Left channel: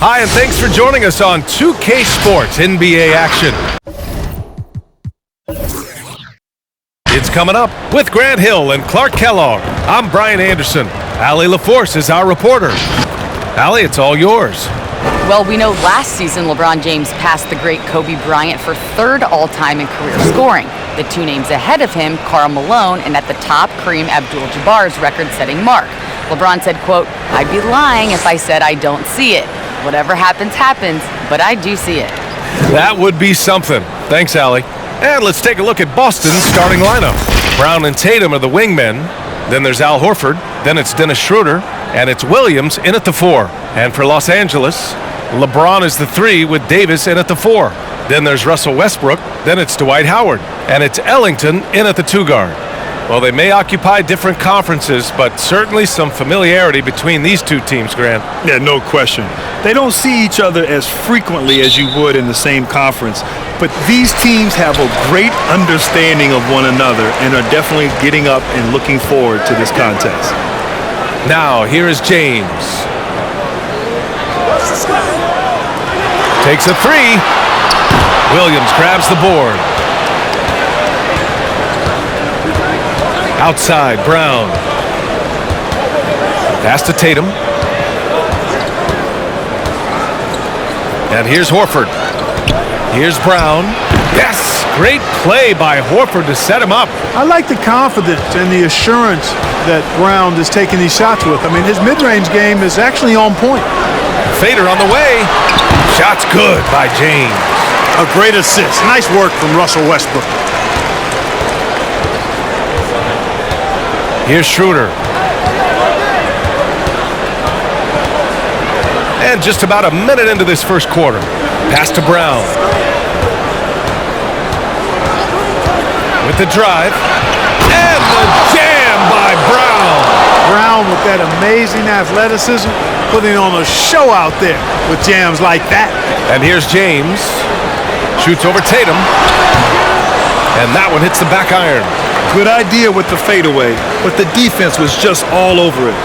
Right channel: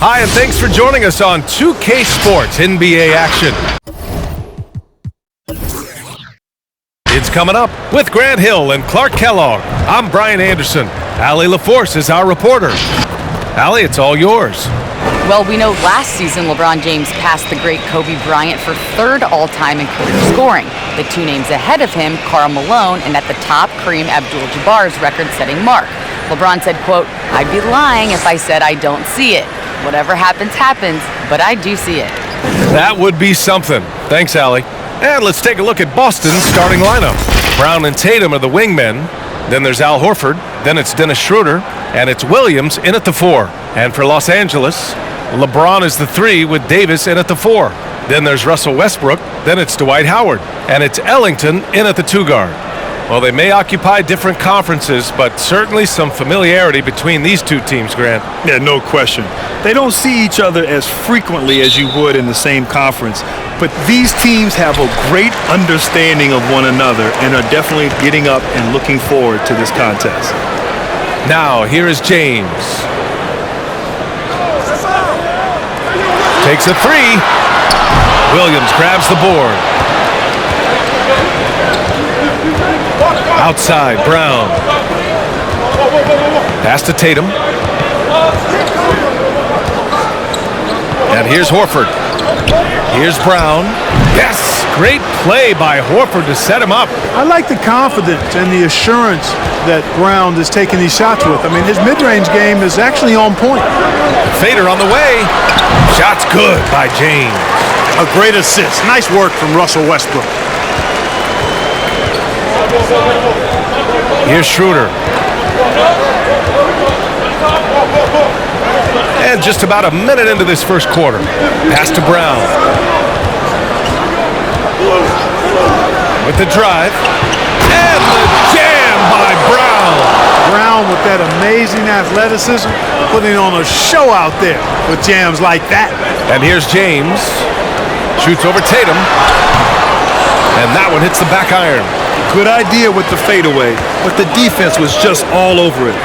Hi, and thanks for joining us on 2K Sports NBA action. It's coming up with Grant Hill and Clark Kellogg. I'm Brian Anderson. Allie LaForce is our reporter. Allie, it's all yours. Well, we know last season LeBron James passed the great Kobe Bryant for third all-time in career scoring. The two names ahead of him, Karl Malone, and at the top, Kareem Abdul-Jabbar's record-setting mark. LeBron said, quote, "I'd be lying if I said I don't see it. Whatever happens, happens, but I do see it." That would be something. Thanks, Allie. And let's take a look at Boston's starting lineup. Brown and Tatum are the wingmen. Then there's Al Horford. Then it's Dennis Schroder. And it's Williams in at the 4. And for Los Angeles, LeBron is the 3 with Davis in at the 4. Then there's Russell Westbrook. Then it's Dwight Howard. And it's Ellington in at the 2 guard. Well, they may occupy different conferences, but certainly some familiarity between these two teams, Grant. Yeah, no question. They don't see each other as frequently as you would in the same conference, but these teams have a great understanding of one another and are definitely getting up and looking forward to this contest. Now, here is James. Takes a 3. Williams grabs the board. Outside, Brown. Pass to Tatum. And here's Horford. Here's Brown. Yes! Great play by Horford to set him up. I like the confidence and the assurance that Brown is taking these shots with. I mean, his mid-range game is actually on point. Fader on the way. Shot's good by James. A great assist. Nice work from Russell Westbrook. Here's Schroder. And just about a minute into this first quarter. Pass to Brown. With the drive. And the jam by Brown. Brown with that amazing athleticism, putting on a show out there with jams like that. And here's James. Shoots over Tatum. And that one hits the back iron. Good idea with the fadeaway, but the defense was just all over it.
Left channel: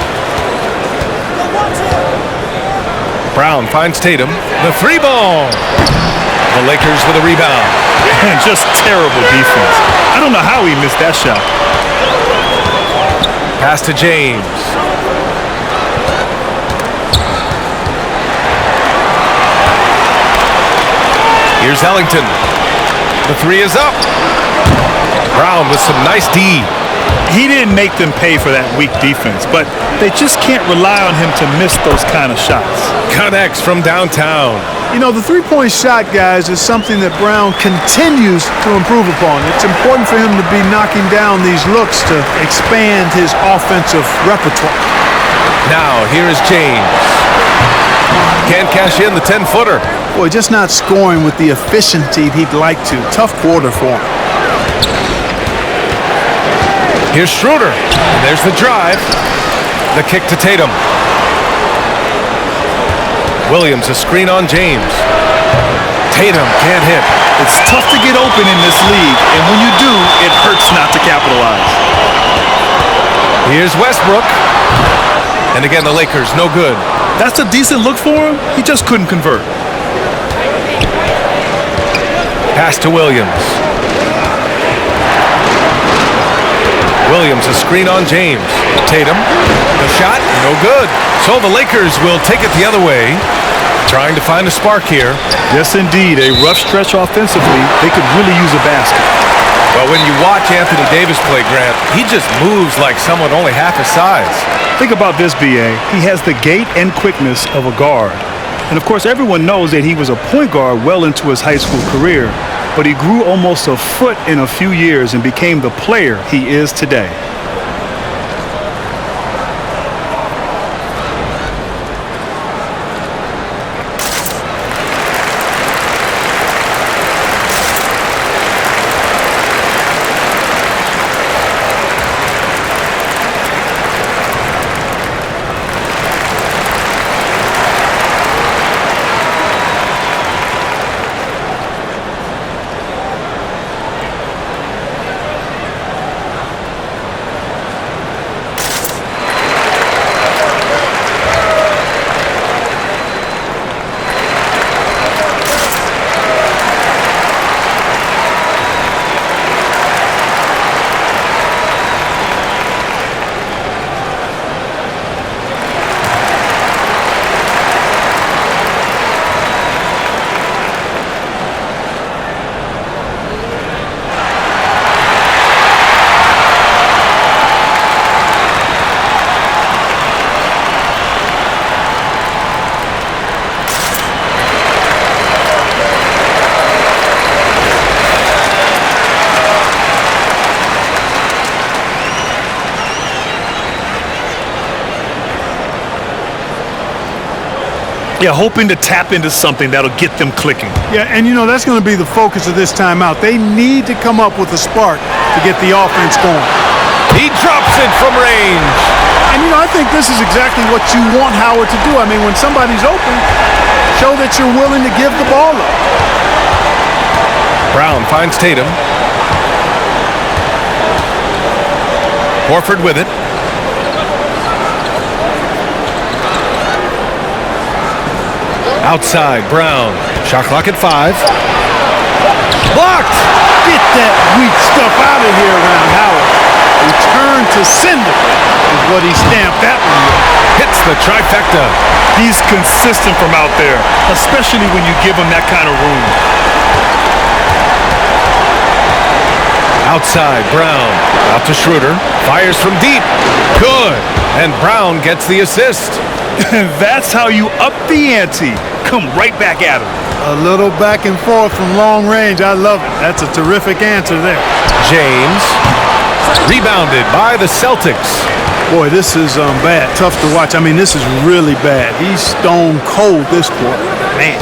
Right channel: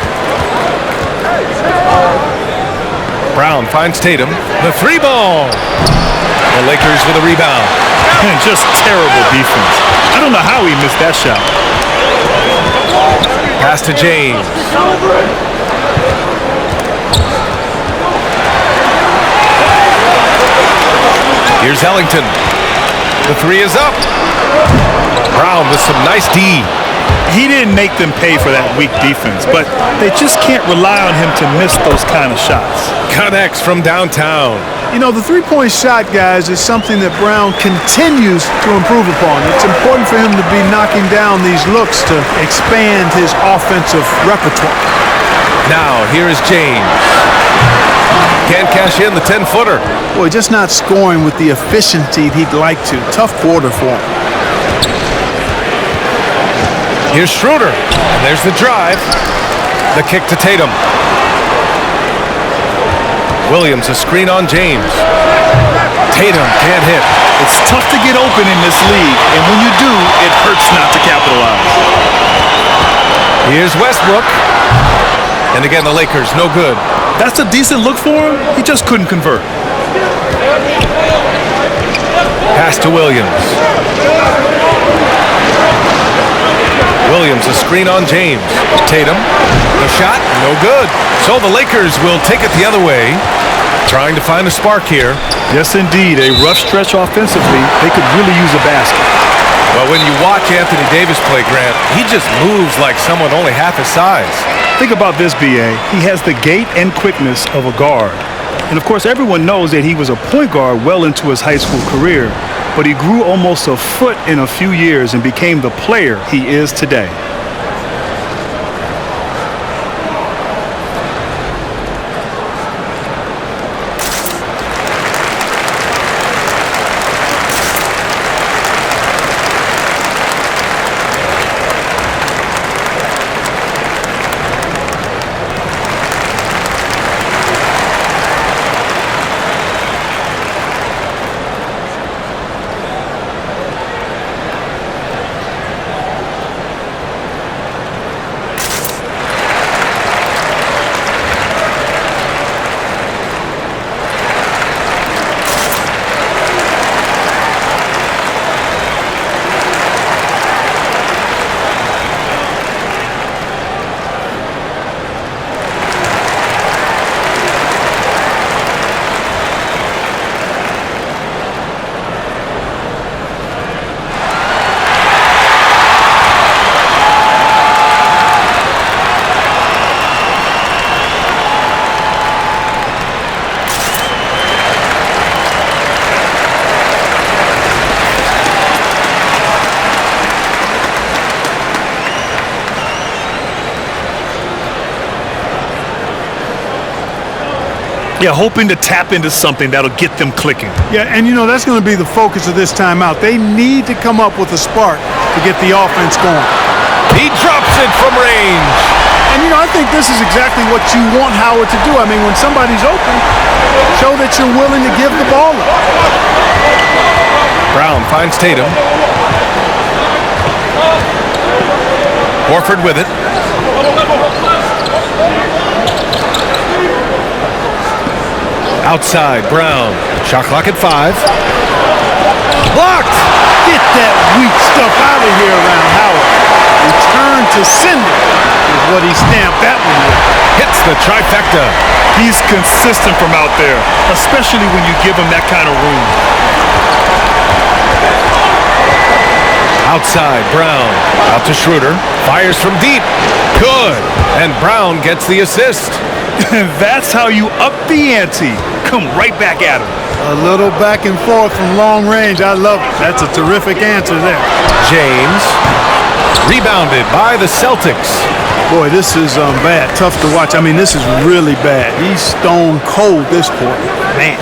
Brown finds Tatum. The 3 ball. The Lakers with a rebound. And just terrible defense. I don't know how he missed that shot. Pass to James. Here's Ellington. The 3 is up. Brown with some nice D. He didn't make them pay for that weak defense, but they just can't rely on him to miss those kind of shots. Connects from downtown. You know, the three-point shot, guys, is something that Brown continues to improve upon. It's important for him to be knocking down these looks to expand his offensive repertoire. Now, here is James. Can't cash in the 10-footer. Boy, just not scoring with the efficiency he'd like to. Tough quarter for him. Here's Schroder. And there's the drive. The kick to Tatum. Williams, a screen on James. Tatum can't hit. It's tough to get open in this league, and when you do, it hurts not to capitalize. Here's Westbrook. And again, the Lakers, no good. That's a decent look for him. He just couldn't convert. Pass to Williams. Williams, a screen on James. Tatum, the shot, no good. So the Lakers will take it the other way, trying to find a spark here. Yes, indeed. A rough stretch offensively. They could really use a basket. Well, when you watch Anthony Davis play, Grant, he just moves like someone only half his size. Think about this, B.A. He has the gait and quickness of a guard. And, of course, everyone knows that he was a point guard well into his high school career. But he grew almost a foot in a few years and became the player he is today. Yeah, hoping to tap into something that'll get them clicking. Yeah, and you know, that's going to be the focus of this timeout. They need to come up with a spark to get the offense going. He drops it from range. And you know, I think this is exactly what you want Howard to do. I mean, when somebody's open, show that you're willing to give the ball up. Brown finds Tatum. Horford with it. Outside, Brown. Shot clock at 5. Blocked! Get that weak stuff out of here around Howard. Return to sender is what he stamped that one with. Hits the trifecta. He's consistent from out there, especially when you give him that kind of room. Outside, Brown. Out to Schroder. Fires from deep. Good. And Brown gets the assist. That's how you up the ante. Come right back at him. A little back and forth from long range. I love it. That's a terrific answer there. James. Rebounded by the Celtics. Boy, this is bad. Tough to watch. I mean, this is really bad. He's stone cold this quarter. Man.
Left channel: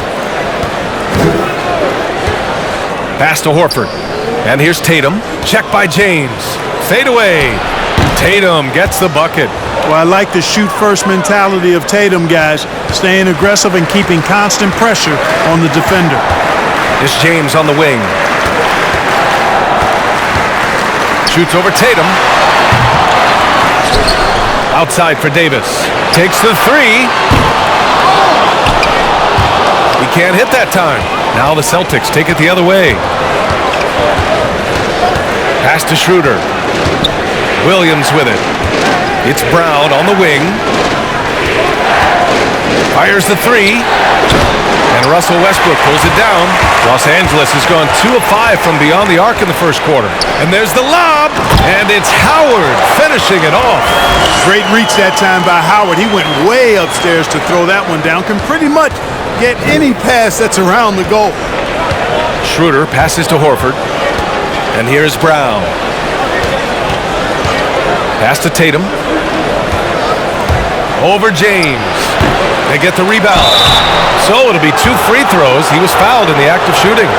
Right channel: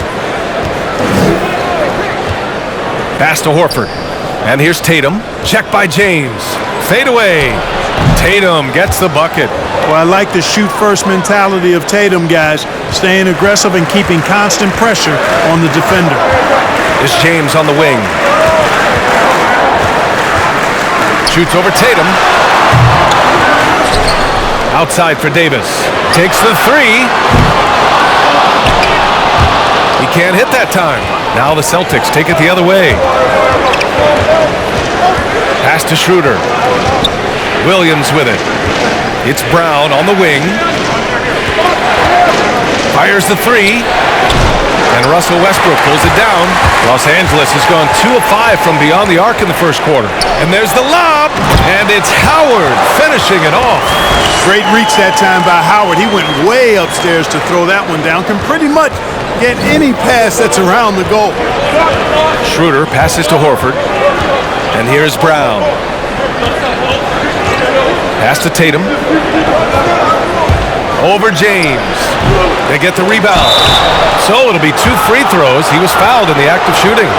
Pass to Horford. And here's Tatum. Check by James. Fade away. Tatum gets the bucket. Well, I like the shoot-first mentality of Tatum, guys. Staying aggressive and keeping constant pressure on the defender. Is James on the wing. Shoots over Tatum. Outside for Davis. Takes the 3. He can't hit that time. Now the Celtics take it the other way. Pass to Schroder. Williams with it. It's Brown on the wing. Fires the 3. And Russell Westbrook pulls it down. Los Angeles has gone 2 of 5 from beyond the arc in the first quarter. And there's the lob. And it's Howard finishing it off. Great reach that time by Howard. He went way upstairs to throw that one down. Can pretty much get any pass that's around the goal. Schroder passes to Horford. And here's Brown. Pass to Tatum. Over James. They get the rebound. So it'll be 2 free throws. He was fouled in the act of shooting.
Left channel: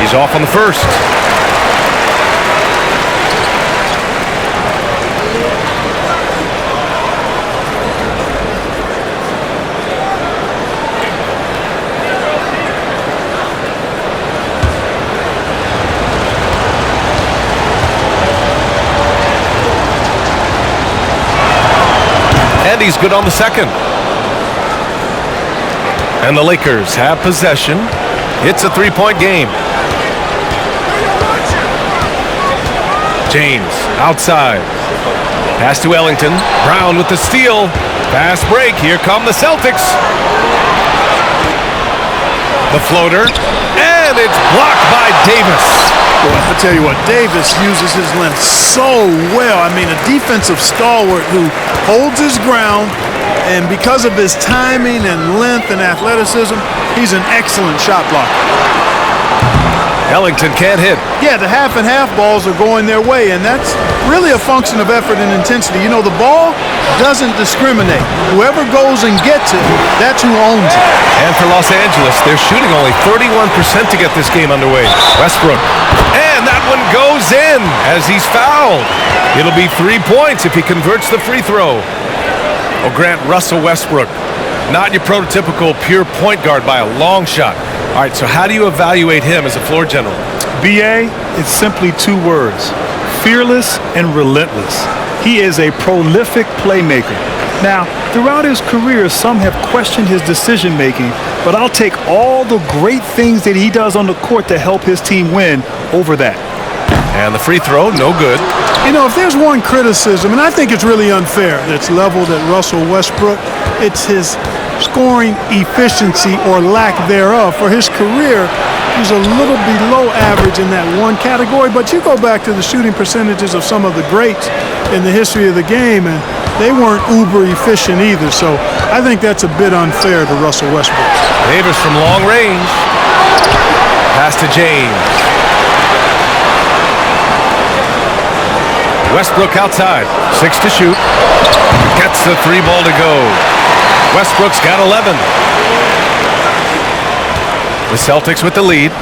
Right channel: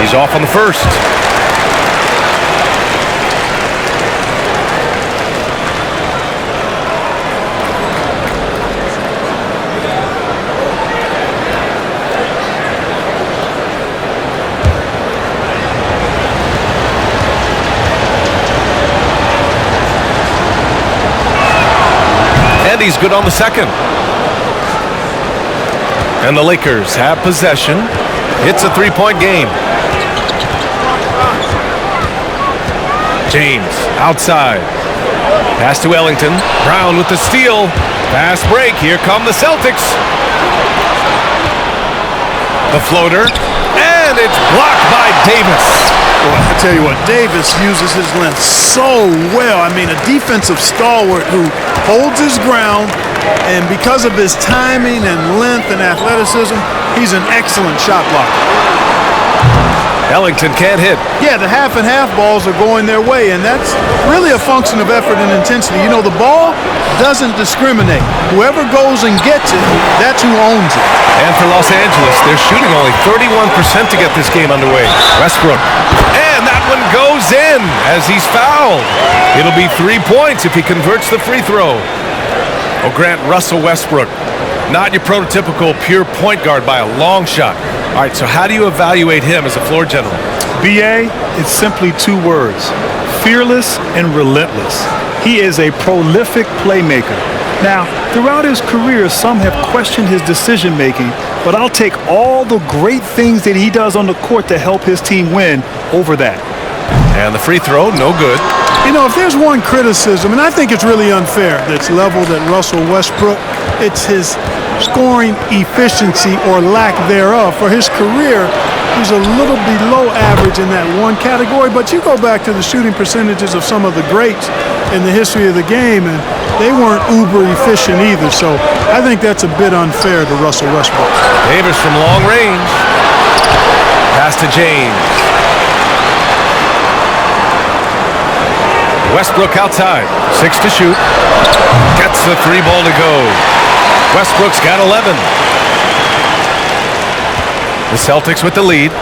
He's off on the first. And he's good on the second. And the Lakers have possession. It's a 3-point game. James outside. Pass to Ellington. Brown with the steal. Fast break. Here come the Celtics. The floater. And it's blocked by Davis. Boy, I tell you what, Davis uses his length so well. I mean, a defensive stalwart who holds his ground, and because of his timing and length and athleticism, he's an excellent shot blocker. Ellington can't hit. Yeah, the half and half balls are going their way, and that's really a function of effort and intensity. You know, the ball doesn't discriminate. Whoever goes and gets it, that's who owns it. And for Los Angeles, they're shooting only 31% to get this game underway. Westbrook. And that one goes in as he's fouled. It'll be 3 points if he converts the free throw. Oh, Grant, Russell Westbrook, not your prototypical pure point guard by a long shot. All right, so how do you evaluate him as a floor general? BA, it's simply 2 words. Fearless and relentless. He is a prolific playmaker. Now, throughout his career, some have questioned his decision-making, but I'll take all the great things that he does on the court to help his team win over that. And the free throw, no good. You know, if there's one criticism, and I think it's really unfair that's leveled at Russell Westbrook, it's his scoring efficiency or lack thereof. For his career, he's a little below average in that one category, but you go back to the shooting percentages of some of the greats in the history of the game, and they weren't uber efficient either. So I think that's a bit unfair to Russell Westbrook. Davis from long range. Pass to James. Westbrook outside. 6 to shoot. Gets the 3 ball to go. Westbrook's got 11. The Celtics with the lead.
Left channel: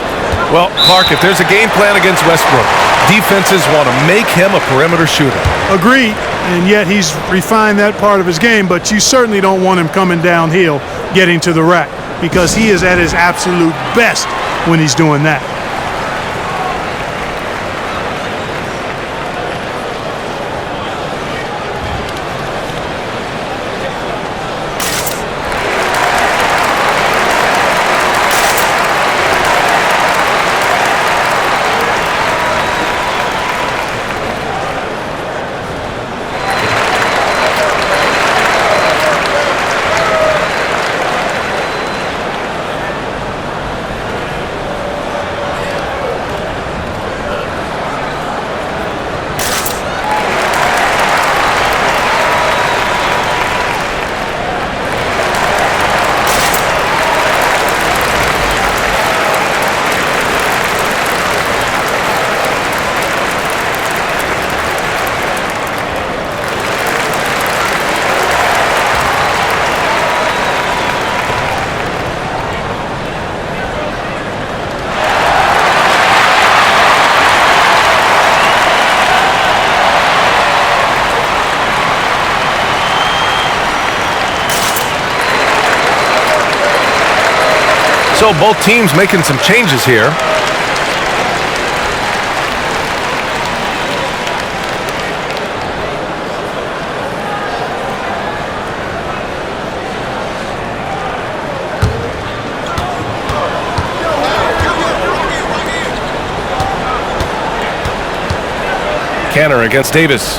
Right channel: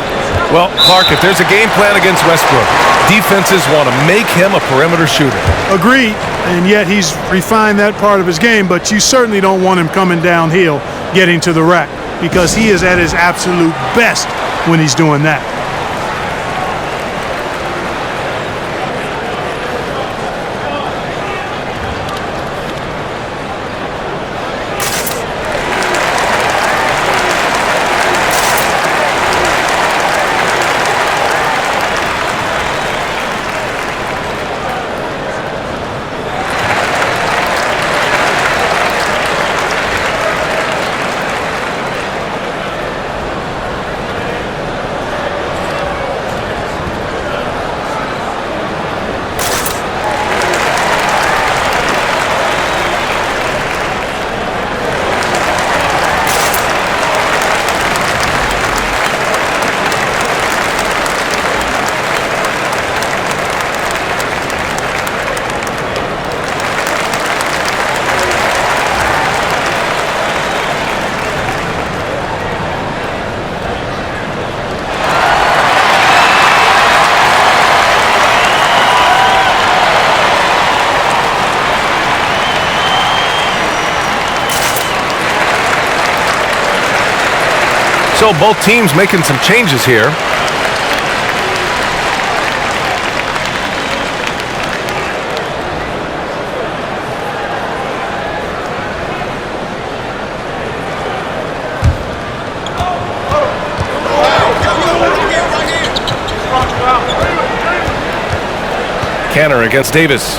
Well, Clark, if there's a game plan against Westbrook, defenses want to make him a perimeter shooter. Agreed, and yet he's refined that part of his game, but you certainly don't want him coming downhill getting to the rack, because he is at his absolute best when he's doing that. So both teams making some changes here. Canner against Davis.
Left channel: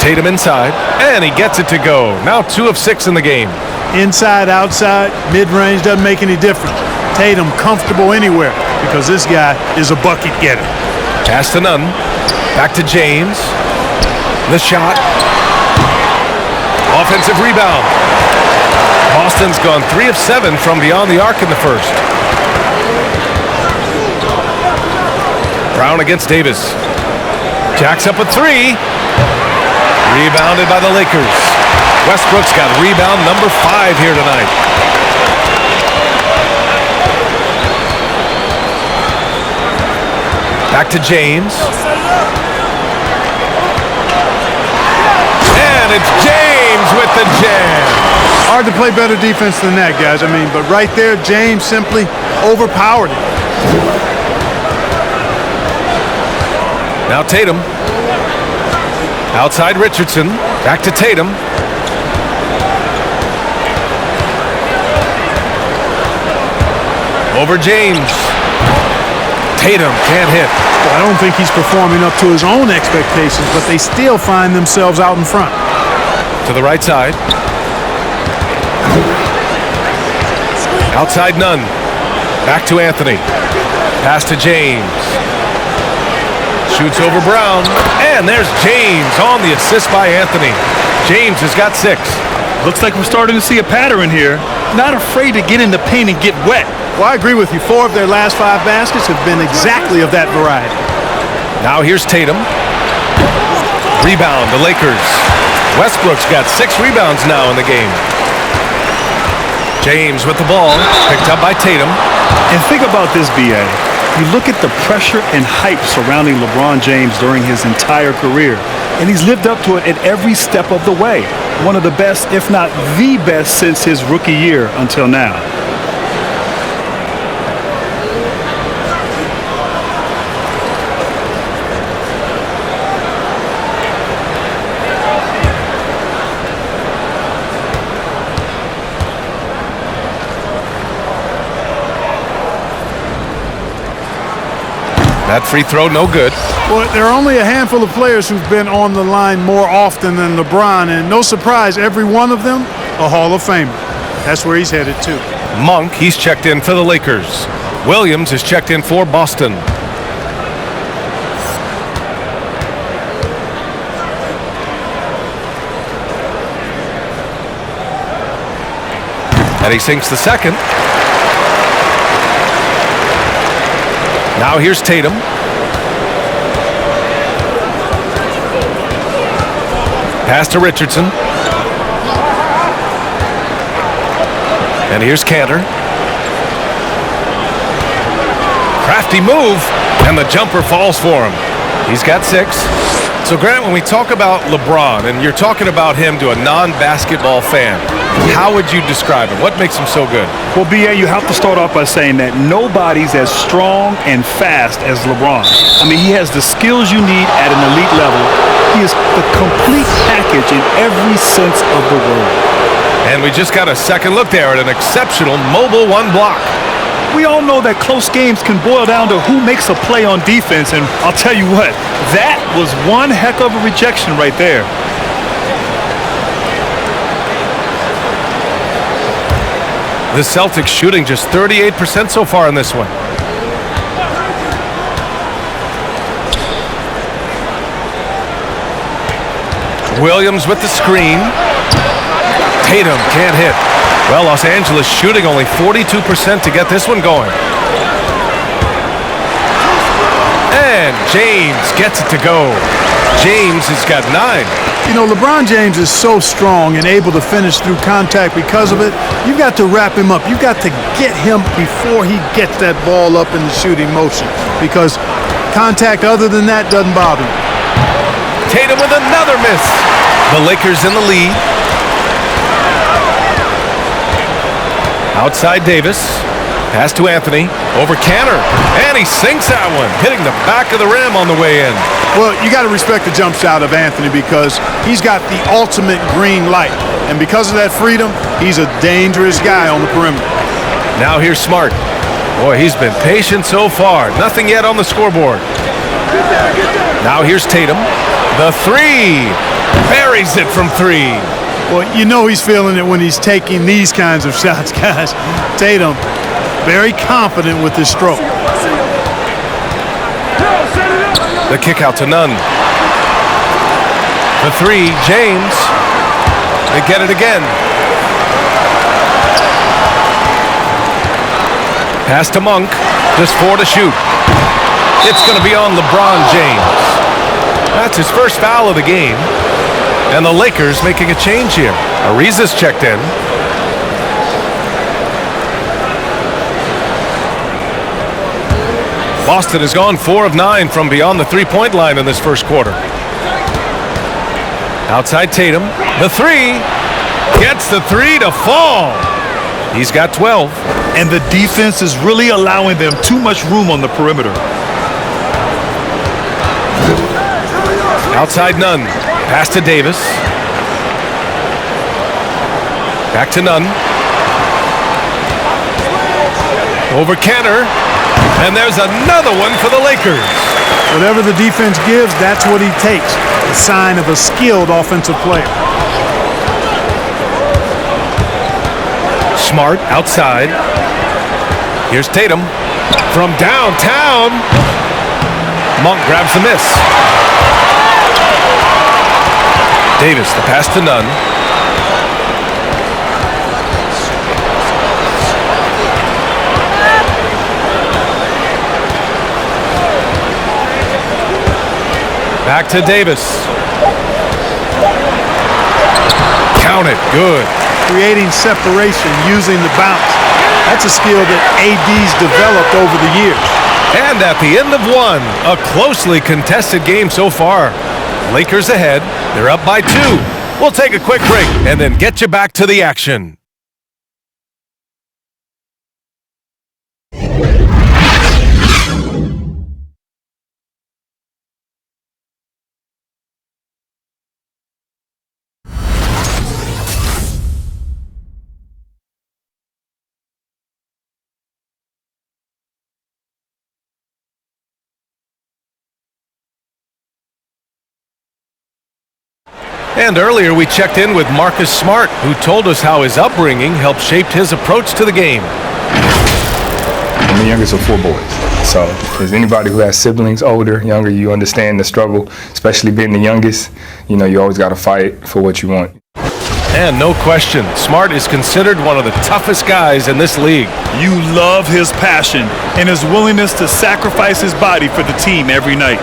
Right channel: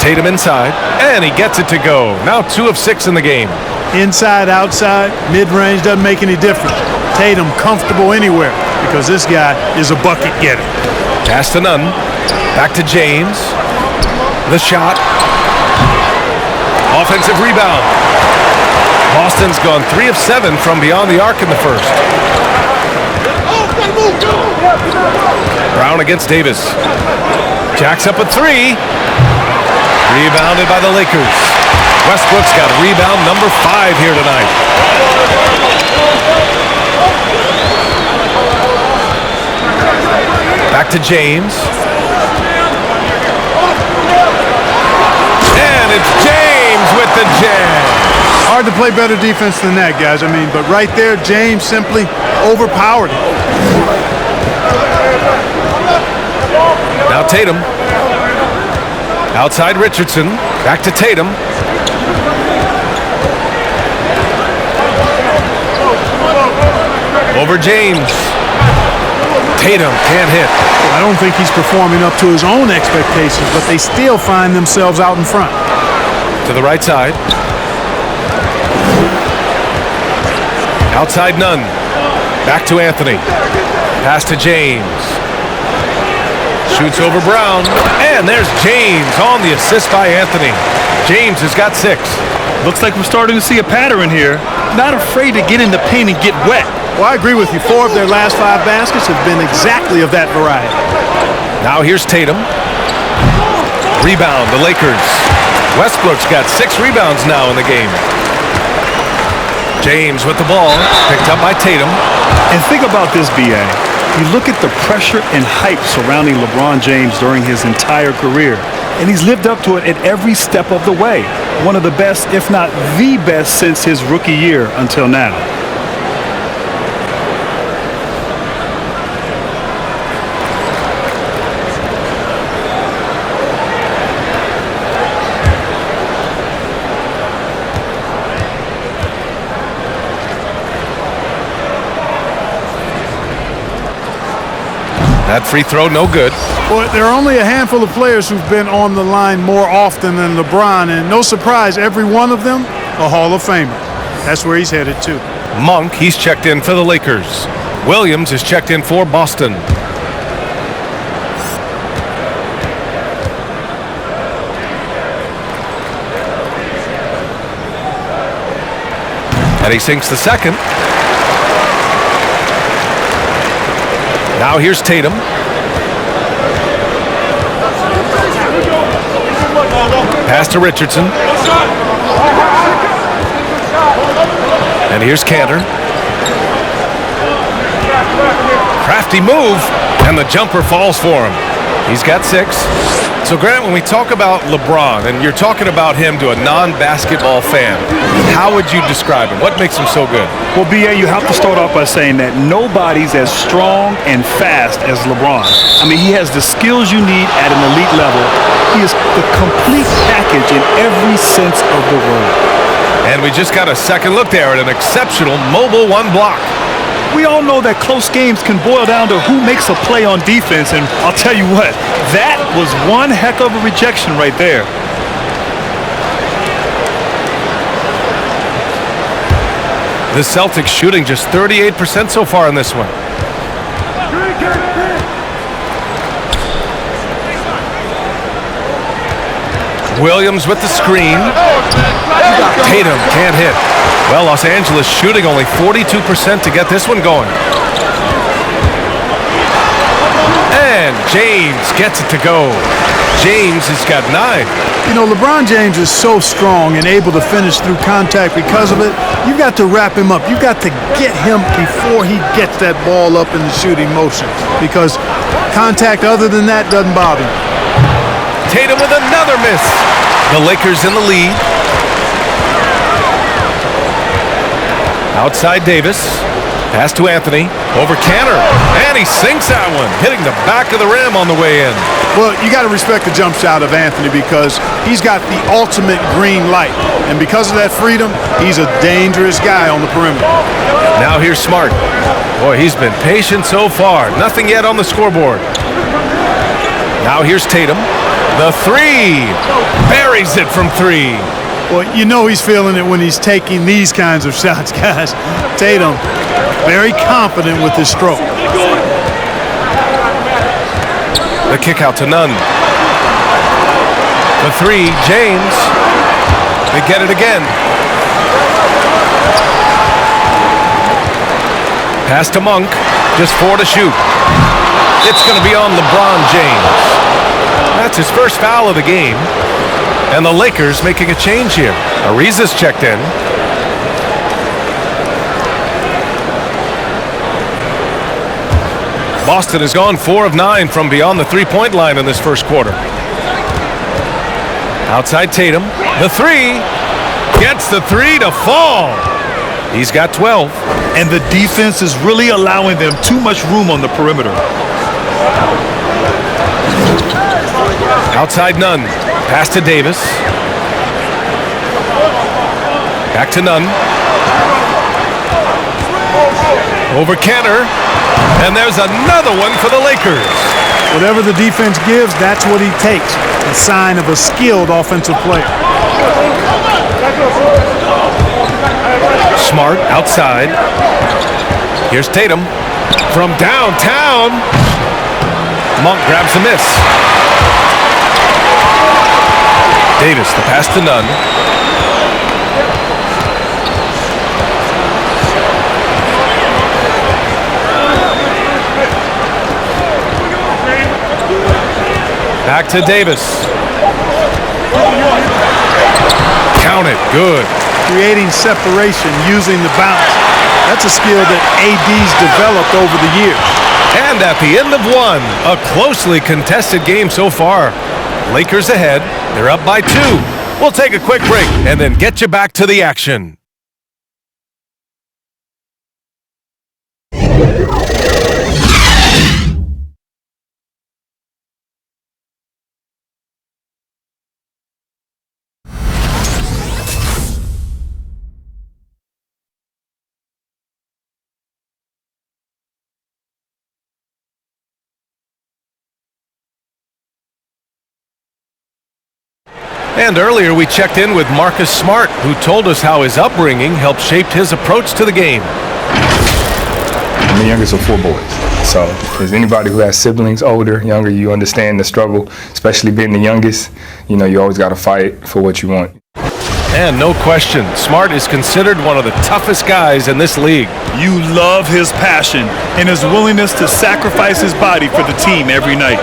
Tatum inside, and he gets it to go. Now 2 of 6 in the game. Inside, outside, mid-range, doesn't make any difference. Tatum comfortable anywhere because this guy is a bucket getter. Pass to Nunn. Back to James. The shot. Offensive rebound. Boston's gone 3 of 7 from beyond the arc in the first. Brown against Davis. Jacks up a 3. Rebounded by the Lakers. Westbrook's got rebound number 5 here tonight. Back to James. And it's James with the jam. Hard to play better defense than that, guys. I mean, but right there, James simply overpowered it. Now Tatum. Outside Richardson. Back to Tatum. Over James. Tatum can't hit. Well, I don't think he's performing up to his own expectations, but they still find themselves out in front. To the right side. Outside Nunn. Back to Anthony. Pass to James. Shoots over Brown. And there's James on the assist by Anthony. James has got 6. Looks like we're starting to see a pattern here. Not afraid to get in the paint and get wet. Well, I agree with you. 4 of their last 5 baskets have been exactly of that variety. Now here's Tatum. Rebound, the Lakers. Westbrook's got 6 rebounds now in the game. James with the ball, picked up by Tatum. And think about this, B.A. You look at the pressure and hype surrounding LeBron James during his entire career, and he's lived up to it at every step of the way. One of the best, if not the best, since his rookie year until now. That free throw, no good. Well, there are only a handful of players who've been on the line more often than LeBron, and no surprise, every one of them a Hall of Famer. That's where he's headed to. Monk, he's checked in for the Lakers. Williams is checked in for Boston. And he sinks the second. Now here's Tatum. Pass to Richardson. And here's Cantor. Crafty move, and the jumper falls for him. He's got 6. So, Grant, when we talk about LeBron, and you're talking about him to a non-basketball fan, how would you describe him? What makes him so good? Well, B.A., you have to start off by saying that nobody's as strong and fast as LeBron. I mean, he has the skills you need at an elite level. He is the complete package in every sense of the word. And we just got a second look there at an exceptional mobile one block. We all know that close games can boil down to who makes a play on defense, and I'll tell you what, that was one heck of a rejection right there. The Celtics shooting just 38% so far in this one. Williams with the screen. Tatum can't hit. Well, Los Angeles shooting only 42% to get this one going. And James gets it to go. James has got 9. You know, LeBron James is so strong and able to finish through contact because of it. You've got to wrap him up. You've got to get him before he gets that ball up in the shooting motion, because contact other than that doesn't bother him. Tatum with another miss. The Lakers in the lead. Outside Davis. Pass to Anthony. Over Cantor. And he sinks that one, hitting the back of the rim on the way in. Well, you got to respect the jump shot of Anthony, because he's got the ultimate green light. And because of that freedom, he's a dangerous guy on the perimeter. Now here's Smart. Boy, he's been patient so far. Nothing yet on the scoreboard. Now here's Tatum. The 3. Buries it from 3. Well, you know he's feeling it when he's taking these kinds of shots, guys. Tatum, very confident with his stroke. The kick out to Nunn. The 3, James. They get it again. Pass to Monk. Just 4 to shoot. It's going to be on LeBron James. That's his first foul of the game. And the Lakers making a change here. Ariza's checked in. Boston has gone 4 of 9 from beyond the three-point line in this first quarter. Outside Tatum. The 3. Gets the 3 to fall. He's got 12. And the defense is really allowing them too much room on the perimeter. Outside Nunn. Pass to Davis. Back to Nunn. Over Cantor. And there's another one for the Lakers. Whatever the defense gives, that's what he takes. A sign of a skilled offensive player. Smart outside. Here's Tatum. From downtown. Monk grabs the miss. Davis, the pass to Nunn. Back to Davis. Count it. Good. Creating separation using the bounce. That's a skill that AD's developed over the years. And at the end of one, a closely contested game so far. Lakers ahead. They're up by 2. We'll take a quick break and then get you back to the action. And earlier we checked in with Marcus Smart, who told us how his upbringing helped shape his approach to the game. I'm the youngest of 4 boys. So if there's anybody who has siblings, older, younger, you understand the struggle, especially being the youngest. You know, you always got to fight for what you want. And no question, Smart is considered one of the toughest guys in this league. You love his passion and his willingness to sacrifice his body for the team every night.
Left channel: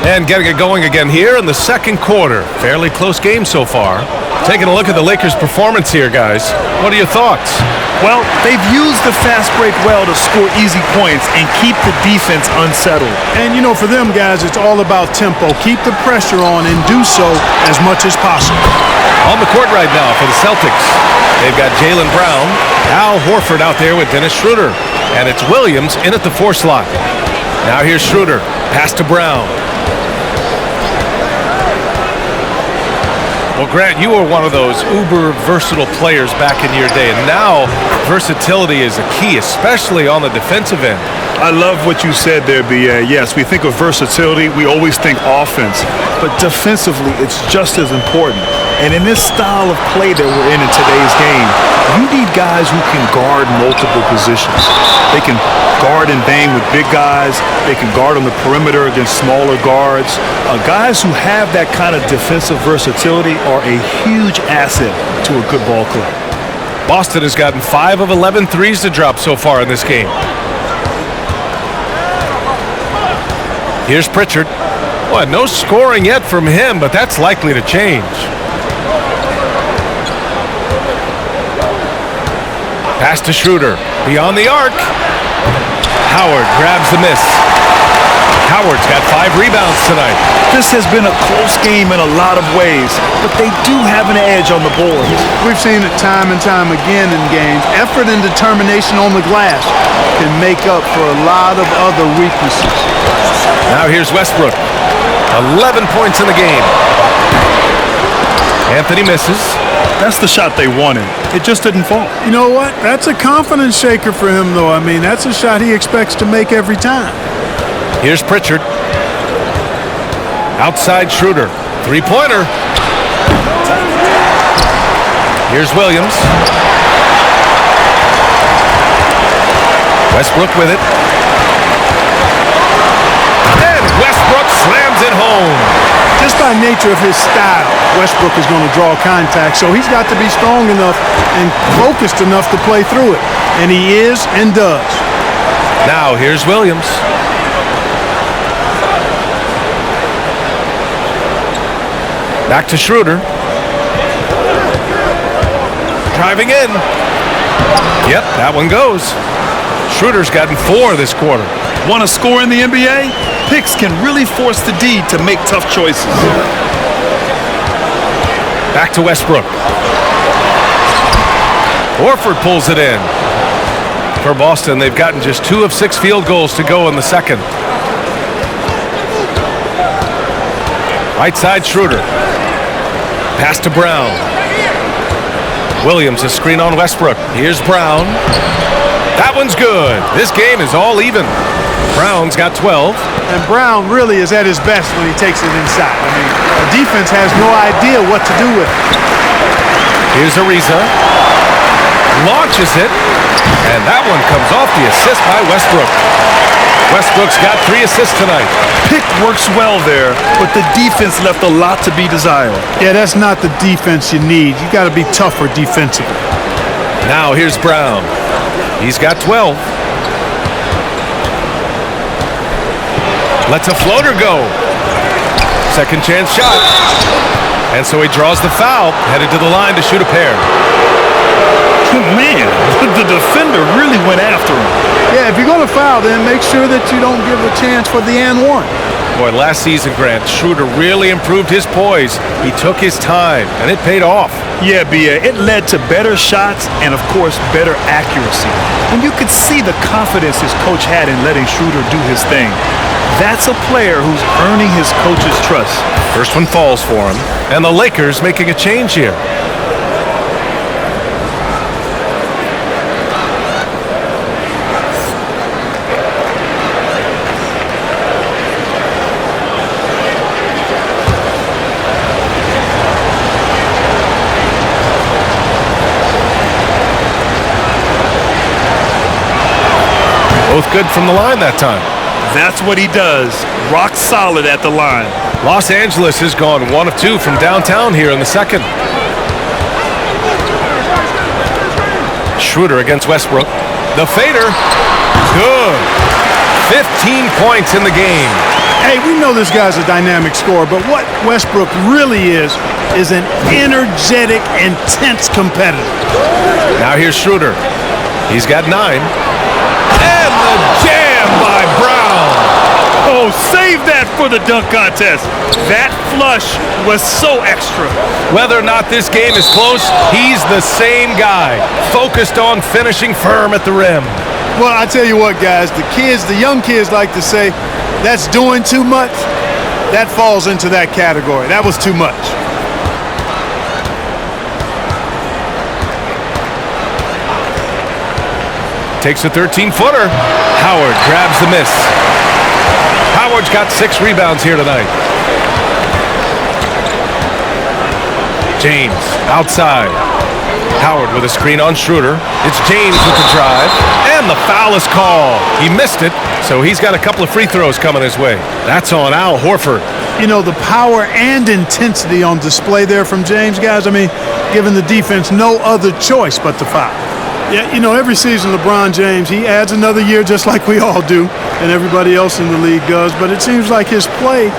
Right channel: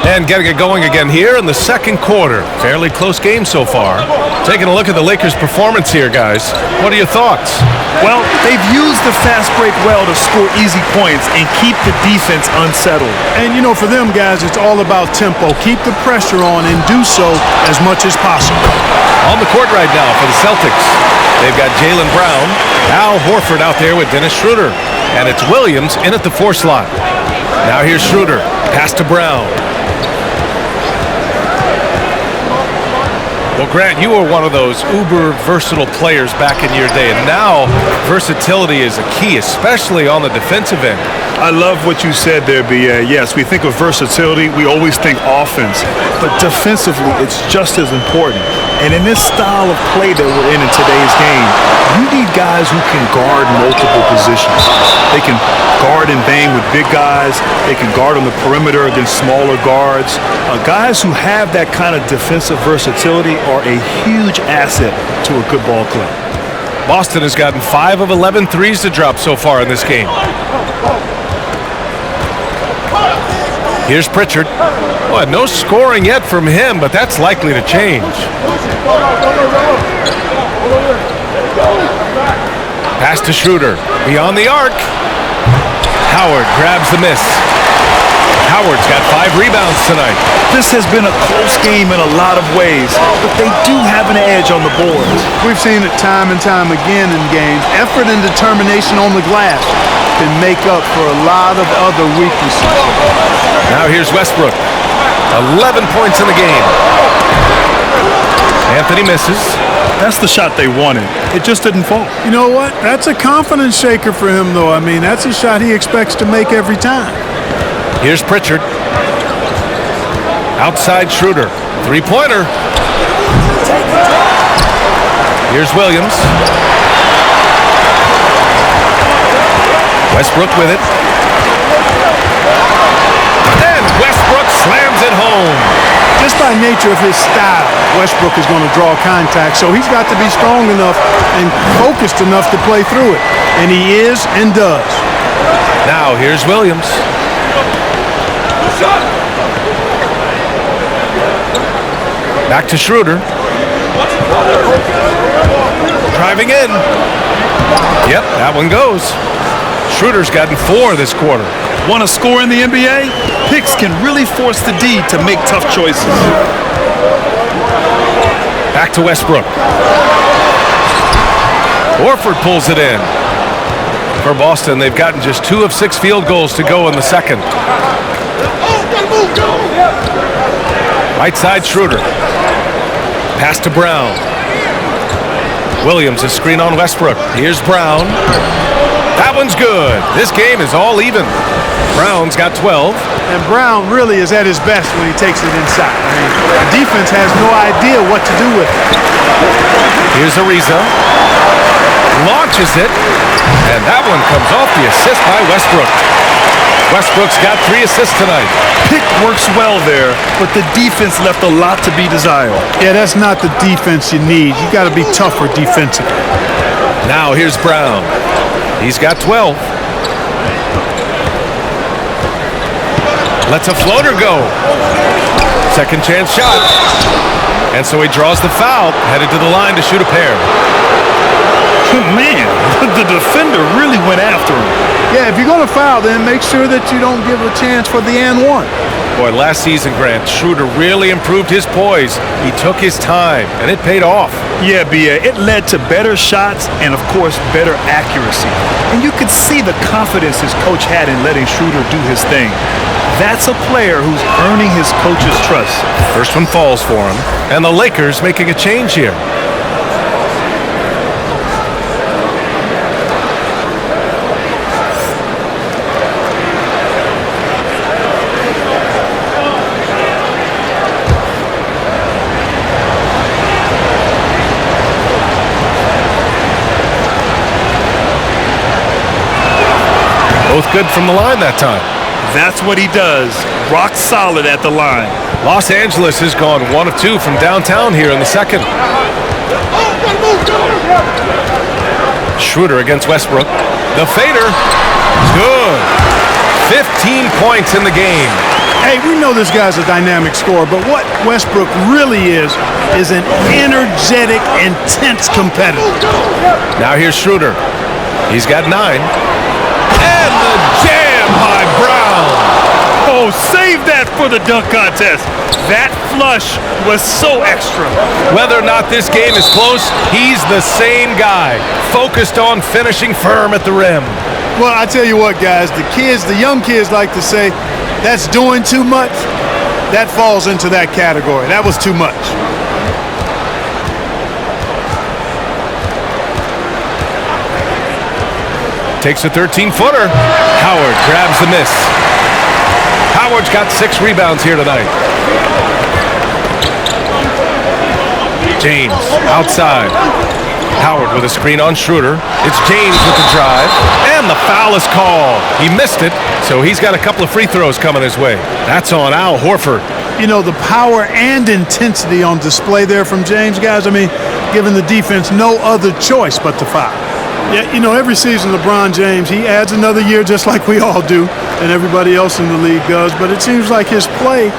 And getting it going again here in the second quarter. Fairly close game so far. Taking a look at the Lakers' performance here, guys. What are your thoughts? Well, they've used the fast break well to score easy points and keep the defense unsettled. And, you know, for them guys, it's all about tempo. Keep the pressure on and do so as much as possible. On the court right now for the Celtics, they've got Jaylen Brown, Al Horford out there with Dennis Schroder, and it's Williams in at the 4 slot. Now here's Schroder, pass to Brown. Well, Grant, you were one of those uber versatile players back in your day, and now versatility is a key, especially on the defensive end. I love what you said there, B.A. Yes, we think of versatility, we always think offense, but defensively it's just as important. And in this style of play that we're in today's game, you need guys who can guard multiple positions. They can guard and bang with big guys. They can guard on the perimeter against smaller guards. Guys who have that kind of defensive versatility are a huge asset to a good ball club. Boston has gotten 5 of 11 threes to drop so far in this game. Here's Pritchard. Well, no scoring yet from him, but that's likely to change. Pass to Schroder. Beyond the arc. Howard grabs the miss. Howard's got 5 rebounds tonight. This has been a close game in a lot of ways, but they do have an edge on the boards. We've seen it time and time again in games. Effort and determination on the glass can make up for a lot of other weaknesses. Now here's Westbrook. 11 points in the game. Anthony misses. That's the shot they wanted. It just didn't fall. You know what? That's a confidence shaker for him, though. I mean, that's a shot he expects to make every time. Here's Pritchard. Outside Schroder. 3-pointer. Here's Williams. Westbrook with it. And Westbrook slams it home. Just by nature of his style, Westbrook is going to draw contact, so he's got to be strong enough and focused enough to play through it. And he is and does. Now here's Williams. Back to Schroder. Driving in. Yep, that one goes. Schroder's gotten 4 this quarter. Want to score in the NBA? Picks can really force the D to make tough choices. Back to Westbrook. Horford pulls it in. For Boston, they've gotten just 2 of 6 field goals to go in the second. Right side, Schroder. Pass to Brown. Williams, a screen on Westbrook. Here's Brown. That one's good. This game is all even. Brown's got 12. And Brown really is at his best when he takes it inside. I mean, the defense has no idea what to do with it. Here's Ariza. Launches it. And that one comes off the assist by Westbrook. Westbrook's got 3 assists tonight. Pick works well there, but the defense left a lot to be desired. Yeah, that's not the defense you need. You got to be tougher defensively. Now here's Brown. He's got 12. Lets a floater go. Second chance shot. And so he draws the foul, headed to the line to shoot a pair. Man, the defender really went after him. Yeah, if you're going to foul, then make sure that you don't give a chance for the and one. Boy, last season, Grant, Schroder really improved his poise. He took his time, and it paid off. Yeah, B.A., it led to better shots and, of course, better accuracy. And you could see the confidence his coach had in letting Schroder do his thing. That's a player who's earning his coach's trust. First one falls for him, and the Lakers making a change here. Both good from the line that time. That's what he does. Rock solid at the line. Los Angeles has gone 1 of 2 from downtown here in the second. Schroder against Westbrook. The fader. Good. 15 points in the game. Hey, we know this guy's a dynamic scorer, but what Westbrook really is an energetic, intense competitor. Now here's Schroder. He's got 9. And the jam by Brown. Oh, save that for the dunk contest. That flush was so extra. Whether or not this game is close, he's the same guy, focused on finishing firm at the rim. Well, I tell you what, guys, the young kids like to say, that's doing too much. That falls into that category. That was too much. Takes a 13-footer. Howard grabs the miss. Howard's got 6 rebounds here tonight. James outside. Howard with a screen on Schroder. It's James with the drive. And the foul is called. He missed it, so he's got a couple of free throws coming his way. That's on Al Horford. You know, the power and intensity on display there from James, guys. I mean, giving the defense no other choice but to foul. Yeah, you know, every season LeBron James, he adds another year just like we all do and everybody else in the league does, but it seems like his play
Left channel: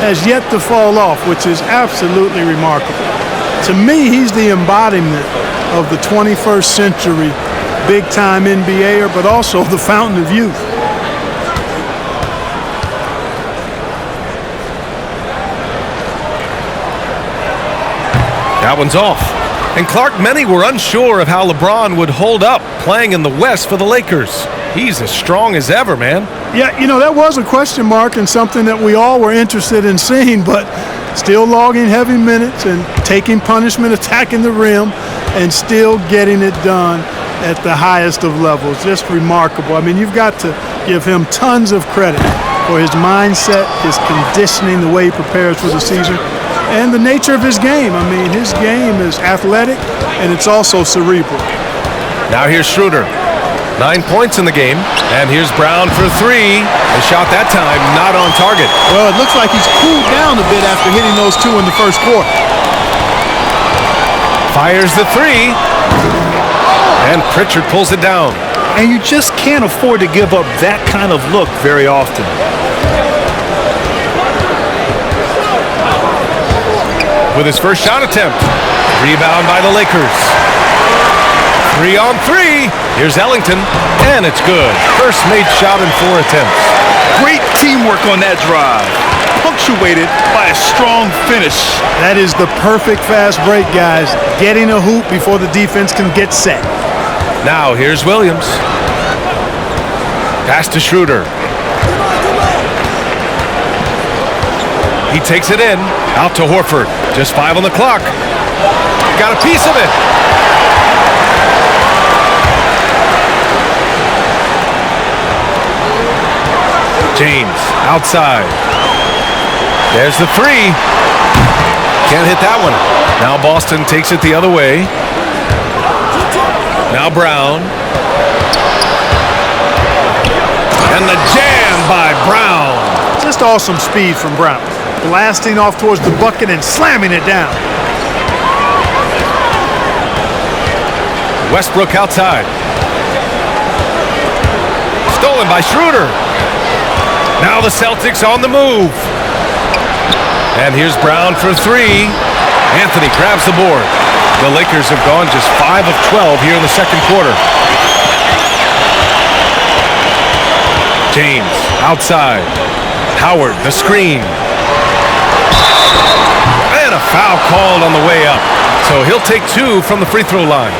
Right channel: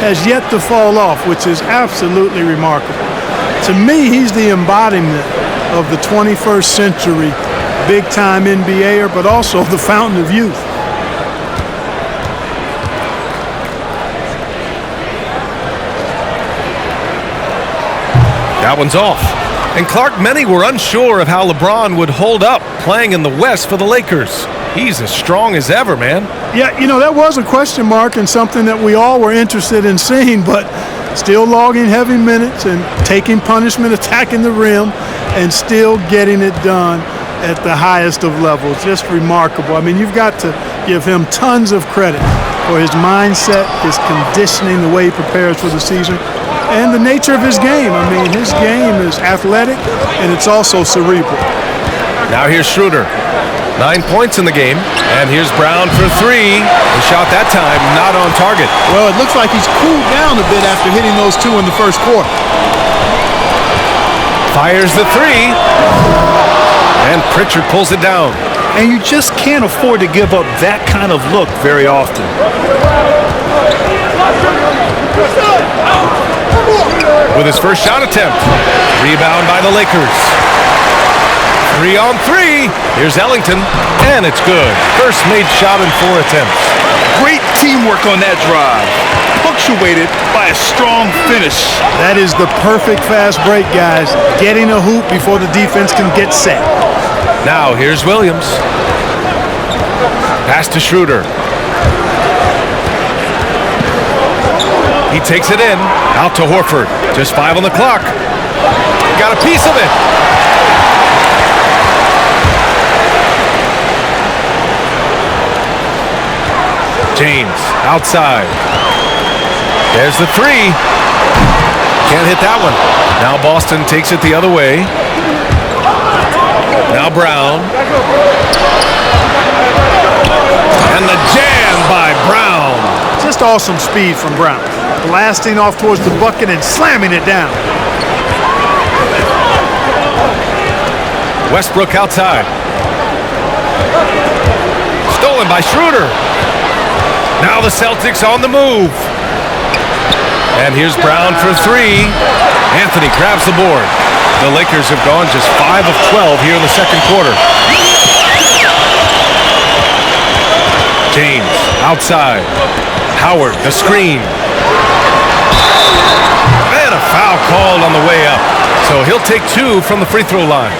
has yet to fall off, which is absolutely remarkable. To me, he's the embodiment of the 21st century big-time NBAer, but also the fountain of youth. That one's off. And Clark, many were unsure of how LeBron would hold up playing in the West for the Lakers. He's as strong as ever, man. Yeah, you know, that was a question mark and something that we all were interested in seeing, but still logging heavy minutes and taking punishment, attacking the rim, and still getting it done at the highest of levels. Just remarkable. I mean, you've got to give him tons of credit for his mindset, his conditioning, the way he prepares for the season, and the nature of his game. I mean, his game is athletic, and it's also cerebral. Now here's Schroder. 9 points in the game. And here's Brown for 3. The shot that time not on target. Well, it looks like he's cooled down a bit after hitting those 2 in the first quarter. Fires the 3. And Pritchard pulls it down. And you just can't afford to give up that kind of look very often. With his first shot attempt. Rebound by the Lakers. 3 on 3. Here's Ellington. And it's good. First made shot in 4 attempts. Great teamwork on that drive, punctuated by a strong finish. That is the perfect fast break, guys. Getting a hoop before the defense can get set. Now here's Williams. Pass to Schroder. He takes it in. Out to Horford. Just 5 on the clock. Got a piece of it. James outside. There's the 3. Can't hit that one. Now Boston takes it the other way. Now Brown. And the jam by Brown. Just awesome speed from Brown. Blasting off towards the bucket and slamming it down. Westbrook outside. Stolen by Schroder. Now the Celtics on the move. And here's Brown for 3. Anthony grabs the board. The Lakers have gone just 5 of 12 here in the second quarter. James outside. Howard, the screen. And a foul called on the way up. So he'll take 2 from the free throw line.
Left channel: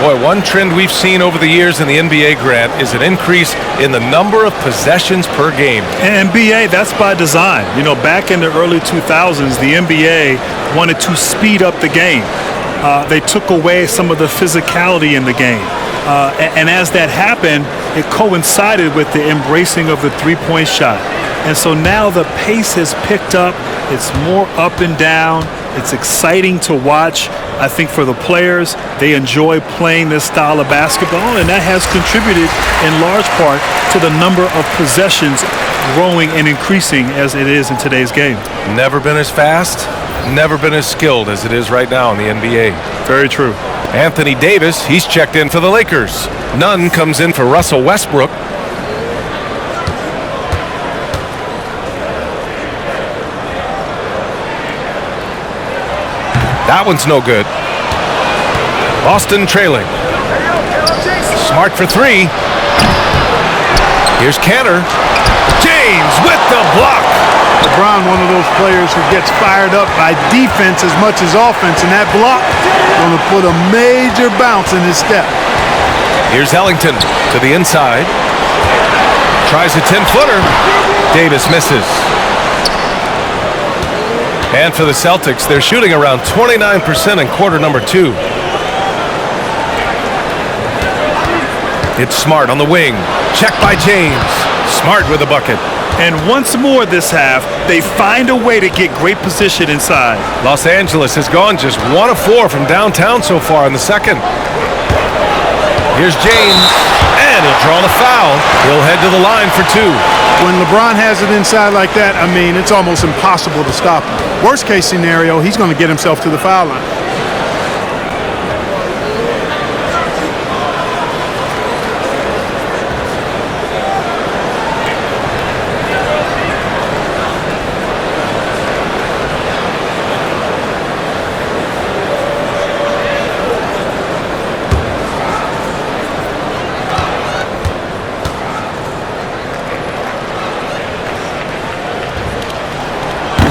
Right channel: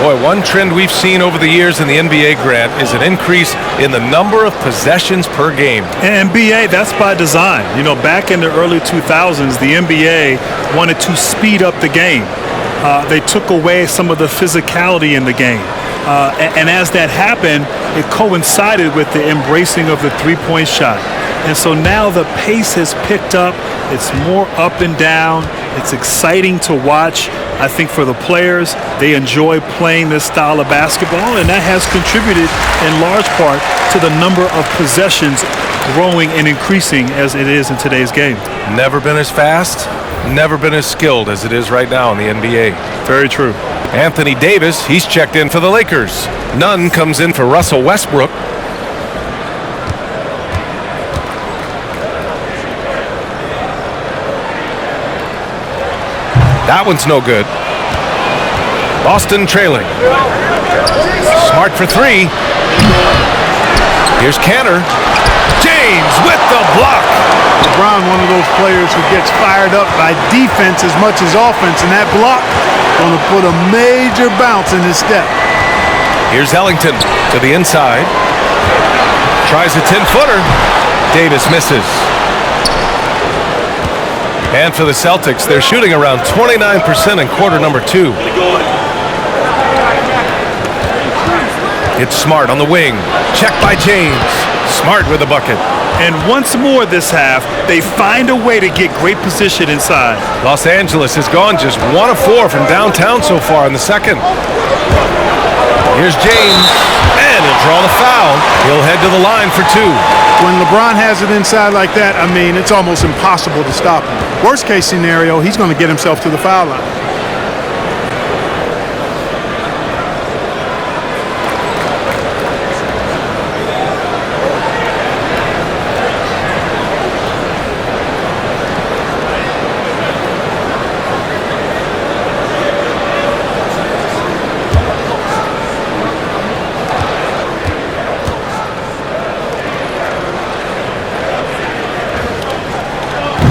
Boy, one trend we've seen over the years in the NBA, Grant, is an increase in the number of possessions per game. And NBA, that's by design. You know, back in the early 2000s, the NBA wanted to speed up the game. They took away some of the physicality in the game. And as that happened, it coincided with the embracing of the three-point shot. And so now the pace has picked up. It's more up and down. It's exciting to watch. I think for the players, they enjoy playing this style of basketball, and that has contributed in large part to the number of possessions growing and increasing as it is in today's game. Never been as fast, never been as skilled as it is right now in the NBA. Very true. Anthony Davis, he's checked in for the Lakers. Nunn comes in for Russell Westbrook. That one's no good. Boston trailing. Smart for three. Here's Cantor. James with the block. LeBron, one of those players who gets fired up by defense as much as offense, and that block going to put a major bounce in his step. Here's Ellington to the inside. Tries a 10-footer. Davis misses. And for the Celtics, they're shooting around 29% in quarter number 2. It's Smart on the wing. Checked by James. Smart with a bucket. And once more this half, they find a way to get great position inside. Los Angeles has gone just 1 of 4 from downtown so far in the second. Here's James, and he'll draw the foul. He'll head to the line for 2. When LeBron has it inside like that, I mean, it's almost impossible to stop him. Worst case scenario, he's going to get himself to the foul line.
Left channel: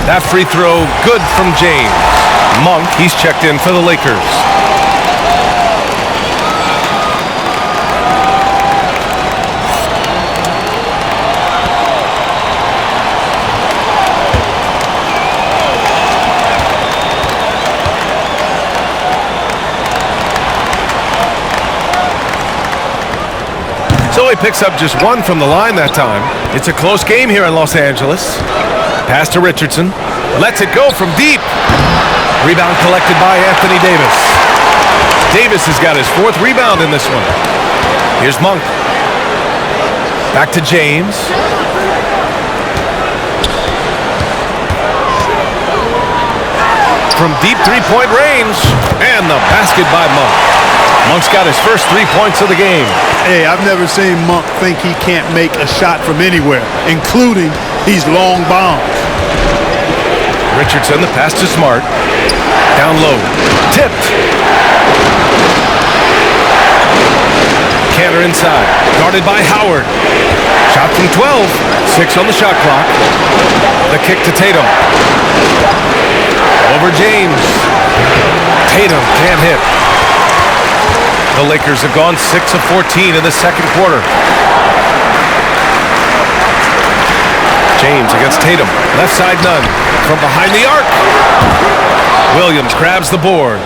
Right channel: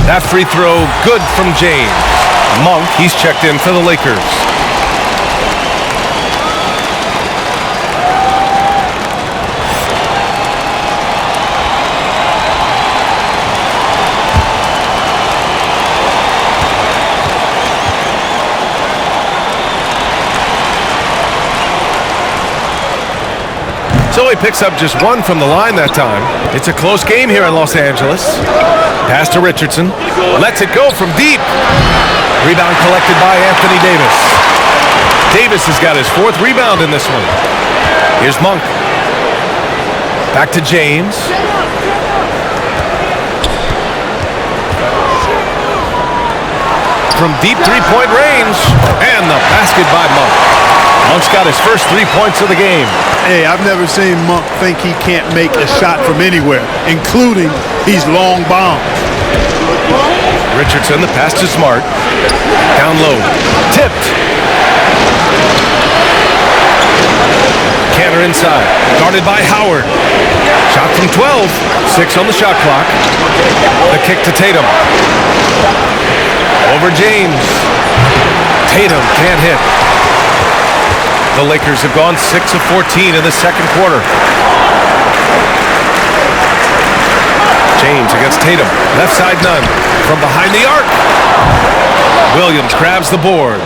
That free throw good from James. Monk, he's checked in for the Lakers. So he picks up just 1 from the line that time. It's a close game here in Los Angeles. Pass to Richardson. Lets it go from deep. Rebound collected by Anthony Davis. Davis has got his 4th rebound in this one. Here's Monk. Back to James. From deep three-point range. And the basket by Monk. Monk's got his first 3 points of the game. Hey, I've never seen Monk think he can't make a shot from anywhere, including these long bombs. Richardson, the pass to Smart. Down low. Tipped. Cantor inside. Guarded by Howard. Shot from 12. 6 on the shot clock. The kick to Tatum. Over James. Tatum can't hit. The Lakers have gone 6 of 14 in the second quarter. James against Tatum. Left side Nunn. From behind the arc. Williams grabs the board.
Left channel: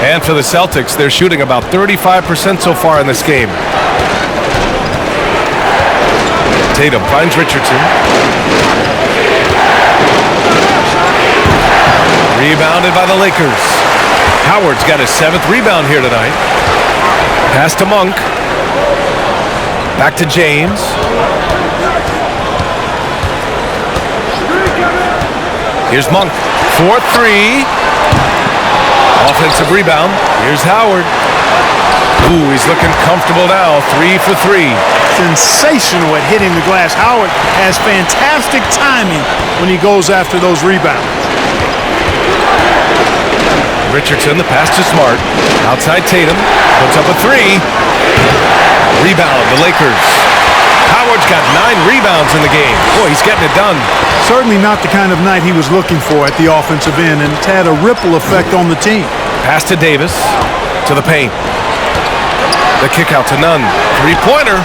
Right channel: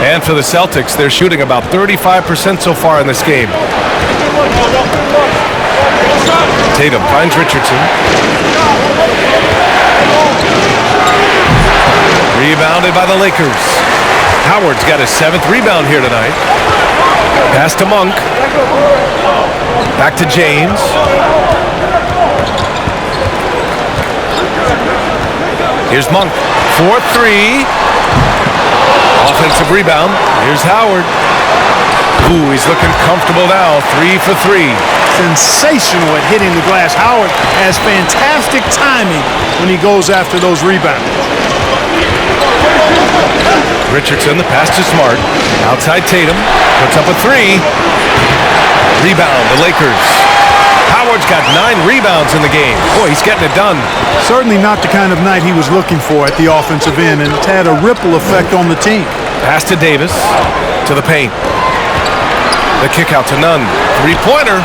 And for the Celtics, they're shooting about 35% so far in this game. Tatum finds Richardson. Rebounded by the Lakers. Howard's got his 7th rebound here tonight. Pass to Monk. Back to James. Here's Monk. 4-3. Offensive rebound. Here's Howard. Ooh, he's looking comfortable now. 3 for 3. Sensational at hitting the glass. Howard has fantastic timing when he goes after those rebounds. Richardson, the pass to Smart. Outside Tatum. Puts up a 3. Rebound, the Lakers. Howard's got 9 rebounds in the game. Boy, he's getting it done. Certainly not the kind of night he was looking for at the offensive end, and it's had a ripple effect on the team. Pass to Davis. To the paint. The kick out to Nunn. 3-pointer.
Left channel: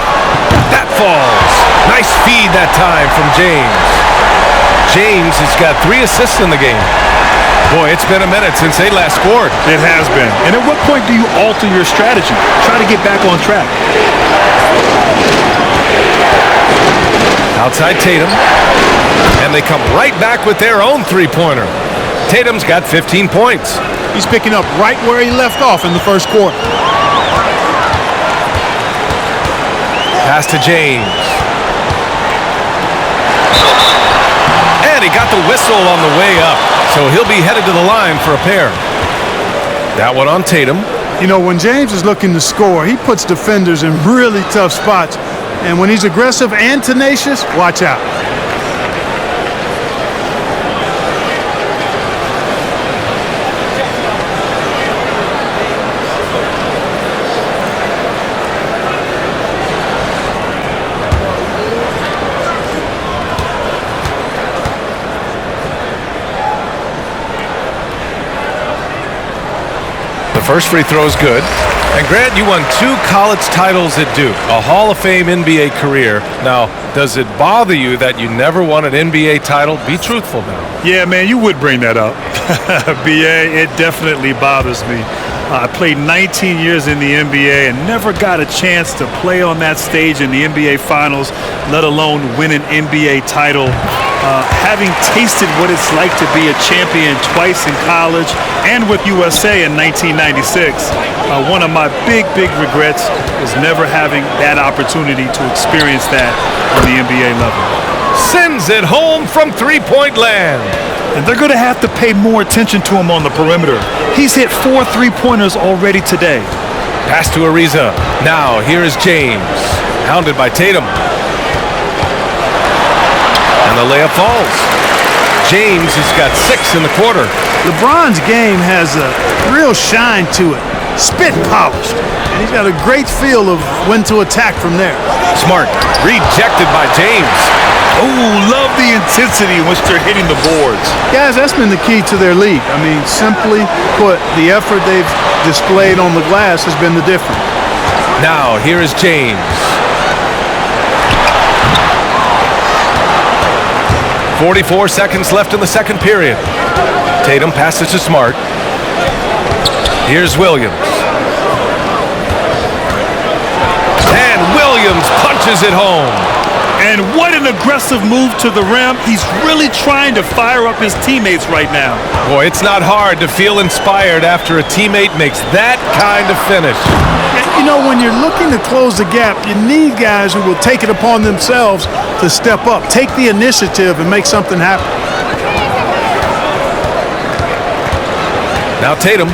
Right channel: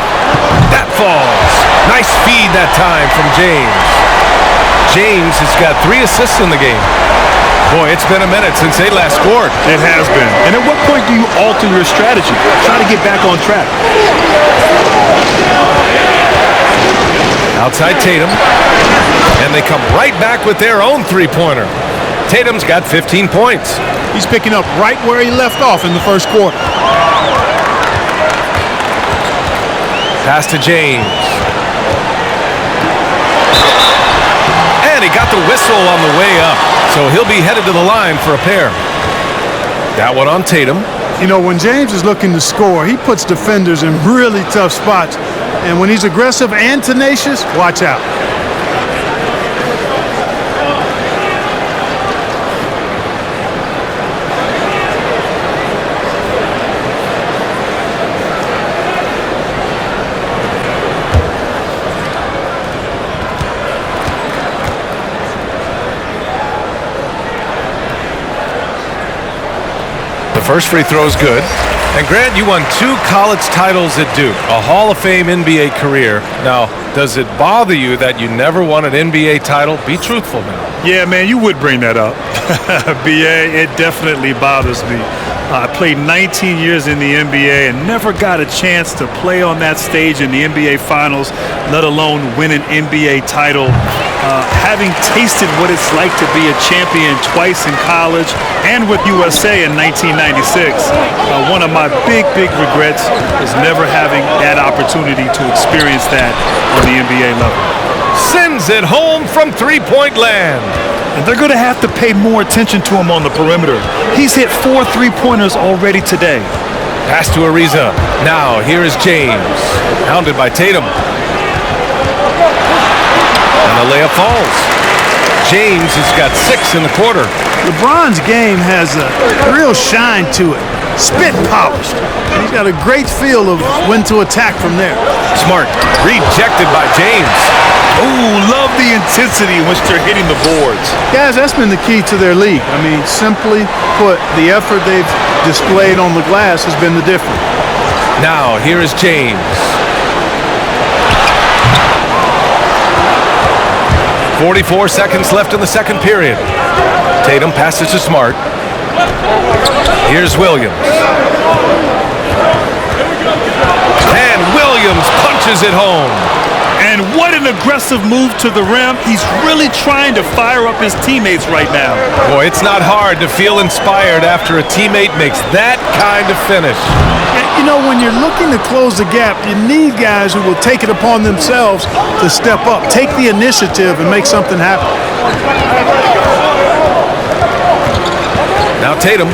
That falls. Nice feed that time from James. James has got 3 assists in the game. Boy, it's been a minute since they last scored. It has been. And at what point do you alter your strategy? Try to get back on track. Outside Tatum. And they come right back with their own three-pointer. Tatum's got 15 points. He's picking up right where he left off in the first quarter. Pass to James. And he got the whistle on the way up, so he'll be headed to the line for a pair. That one on Tatum. You know, when James is looking to score, he puts defenders in really tough spots. And when he's aggressive and tenacious, watch out. First free throw is good. And Grant, you won 2 college titles at Duke, a Hall of Fame NBA career. Now, does it bother you that you never won an NBA title? Be truthful now. Yeah, man, you would bring that up. BA, it definitely bothers me. I played 19 years in the NBA and never got a chance to play on that stage in the NBA Finals, let alone win an NBA title. Having tasted what it's like to be a champion twice in college and with USA in 1996, one of my big regrets was never having that opportunity to experience that on the NBA level. Sends it home from three-point land. And they're going to have to pay more attention to him on the perimeter. He's hit 4 3-pointers already today. Pass to Ariza. Now, here is James. Hounded by Tatum. And the layup falls. James has got 6 in the quarter. LeBron's game has a real shine to it. Spit polished. And he's got a great feel of when to attack from there. Smart. Rejected by James. Oh, love the intensity in which they're hitting the boards. Guys, that's been the key to their league. I mean, simply put, the effort they've displayed on the glass has been the difference. Now, here is James. 44 seconds left in the second period. Tatum passes to Smart. Here's Williams. And Williams punches it home. And what an aggressive move to the rim. He's really trying to fire up his teammates right now. Boy, it's not hard to feel inspired after a teammate makes that kind of finish. You know, when you're looking to close the gap, you need guys who will take it upon themselves to step up, take the initiative, and make something happen. Now Tatum.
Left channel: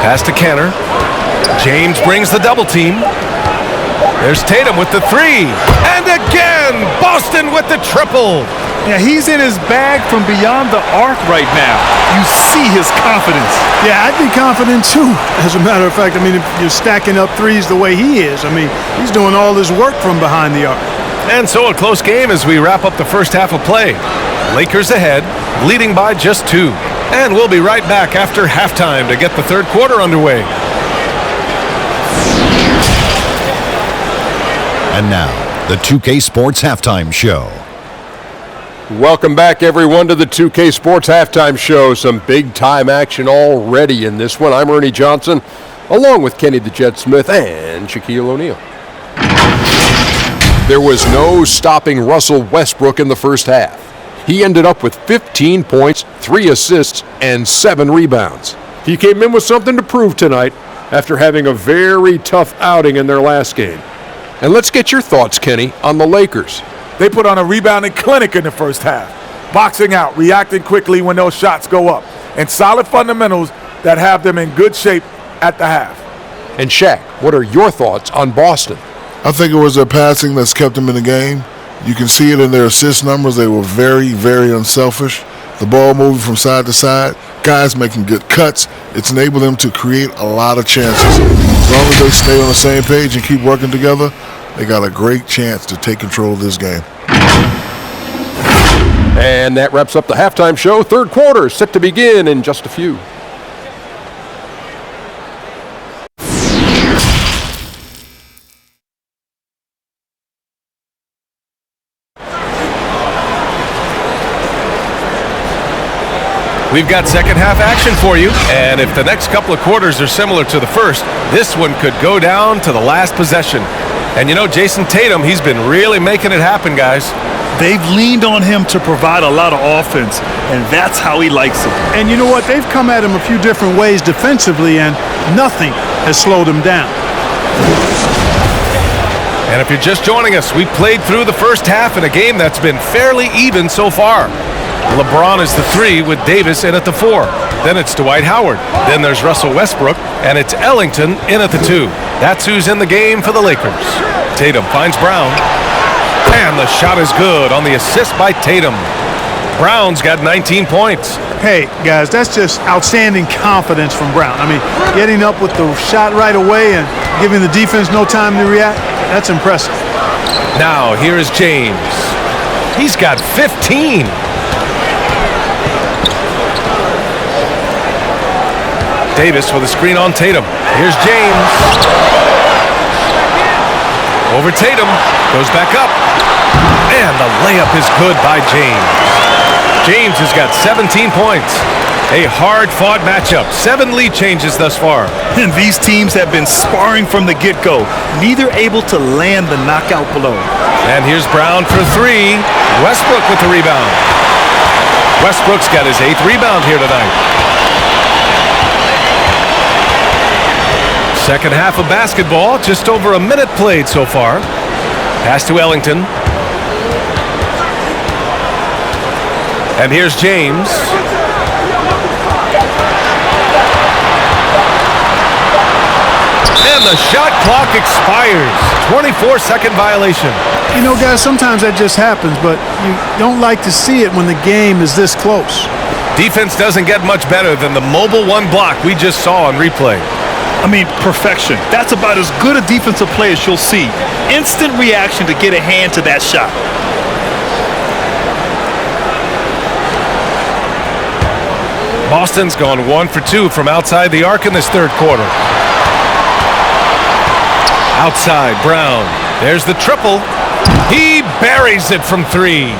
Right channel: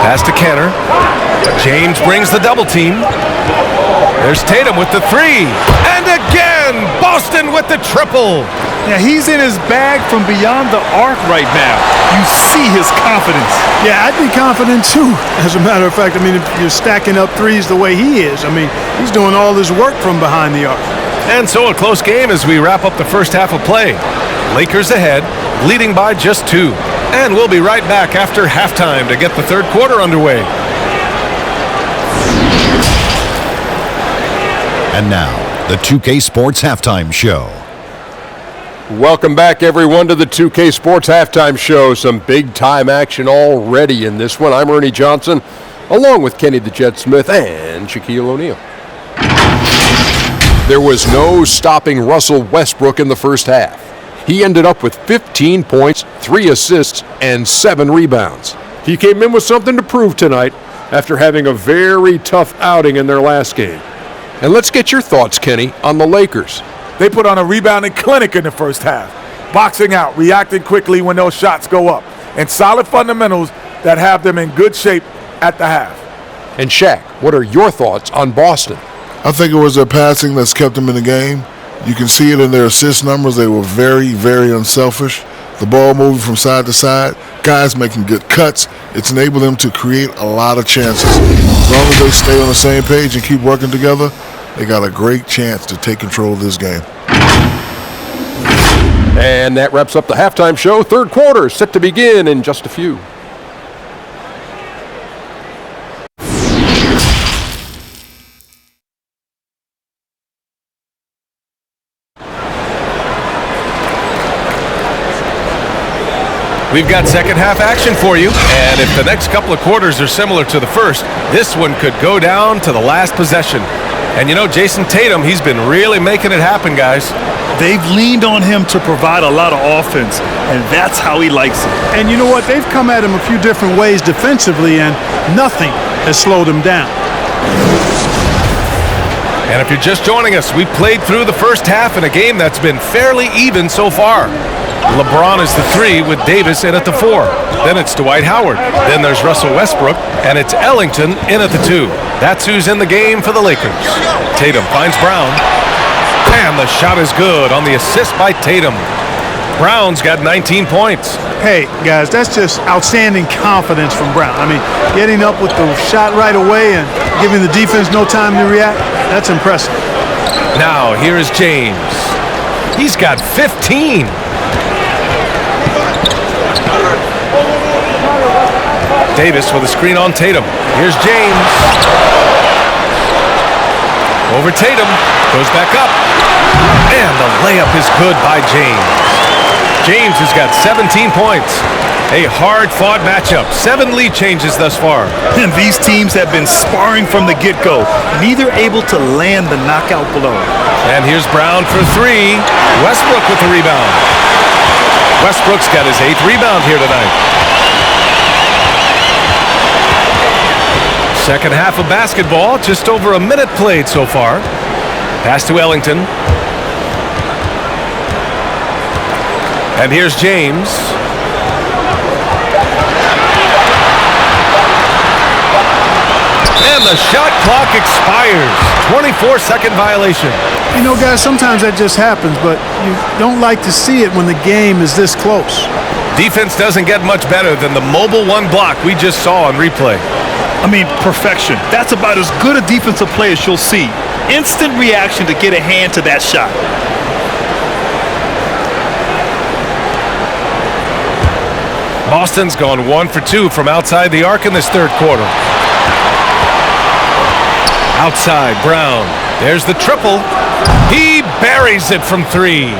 Pass to Kenner. James brings the double team. There's Tatum with the 3. And again, Boston with the triple. Yeah, he's in his bag from beyond the arc right now. You see his confidence. Yeah, I'd be confident too, as a matter of fact. I mean, if you're stacking up threes the way he is, I mean, he's doing all this work from behind the arc. And so a close game as we wrap up the first half of play. Lakers ahead, leading by just 2. And we'll be right back after halftime to get the third quarter underway. And now, the 2K Sports Halftime Show. Welcome back, everyone, to the 2K Sports Halftime Show. Some big-time action already in this one. I'm Ernie Johnson, along with Kenny the Jet Smith and Shaquille O'Neal. There was no stopping Russell Westbrook in the first half. He ended up with 15 points, 3 assists, and 7 rebounds. He came in with something to prove tonight after having a very tough outing in their last game. And let's get your thoughts, Kenny, on the Lakers. They put on a rebounding clinic in the first half, boxing out, reacting quickly when those shots go up, and solid fundamentals that have them in good shape at the half. And Shaq, what are your thoughts on Boston? I think it was their passing that's kept them in the game. You can see it in their assist numbers. They were very, very unselfish. The ball moving from side to side, guys making good cuts. It's enabled them to create a lot of chances. As long as they stay on the same page and keep working together, they got a great chance to take control of this game. And that wraps up the halftime show. Third quarter set to begin in just a few. We've got second half action for you, and if the next couple of quarters are similar to the first, this one could go down to the last possession. And you know, Jason Tatum, he's been really making it happen, guys. They've leaned on him to provide a lot of offense, and that's how he likes it. And you know what? They've come at him a few different ways defensively, and nothing has slowed him down. And if you're just joining us, we played through the first half in a game that's been fairly even so far. LeBron is the 3 with Davis in at the 4. Then it's Dwight Howard. Then there's Russell Westbrook, and it's Ellington in at the 2. That's who's in the game for the Lakers. Tatum finds Brown. And the shot is good on the assist by Tatum. Brown's got 19 points. Hey, guys, that's just outstanding confidence from Brown. I mean, getting up with the shot right away and giving the defense no time to react, that's impressive. Now, here is James. He's got 15. Davis with a screen on Tatum. Here's James. Over Tatum. Goes back up. And the layup is good by James. James has got 17 points. A hard-fought matchup. 7 lead changes thus far. And these teams have been sparring from the get-go, neither able to land the knockout blow. And here's Brown for 3. Westbrook with the rebound. Westbrook's got his 8th rebound here tonight. Second half of basketball, just over a minute played so far. Pass to Ellington. And here's James. And the shot clock expires. 24-second violation. You know, guys, sometimes that just happens, but you don't like to see it when the game is this close. Defense doesn't get much better than the mobile 1 block we just saw on replay. I mean, perfection. That's about as good a defensive play as you'll see. Instant reaction to get a hand to that shot. Boston's gone 1 for 2 from outside the arc in this third quarter. Outside, Brown. There's the triple. He buries it from 3.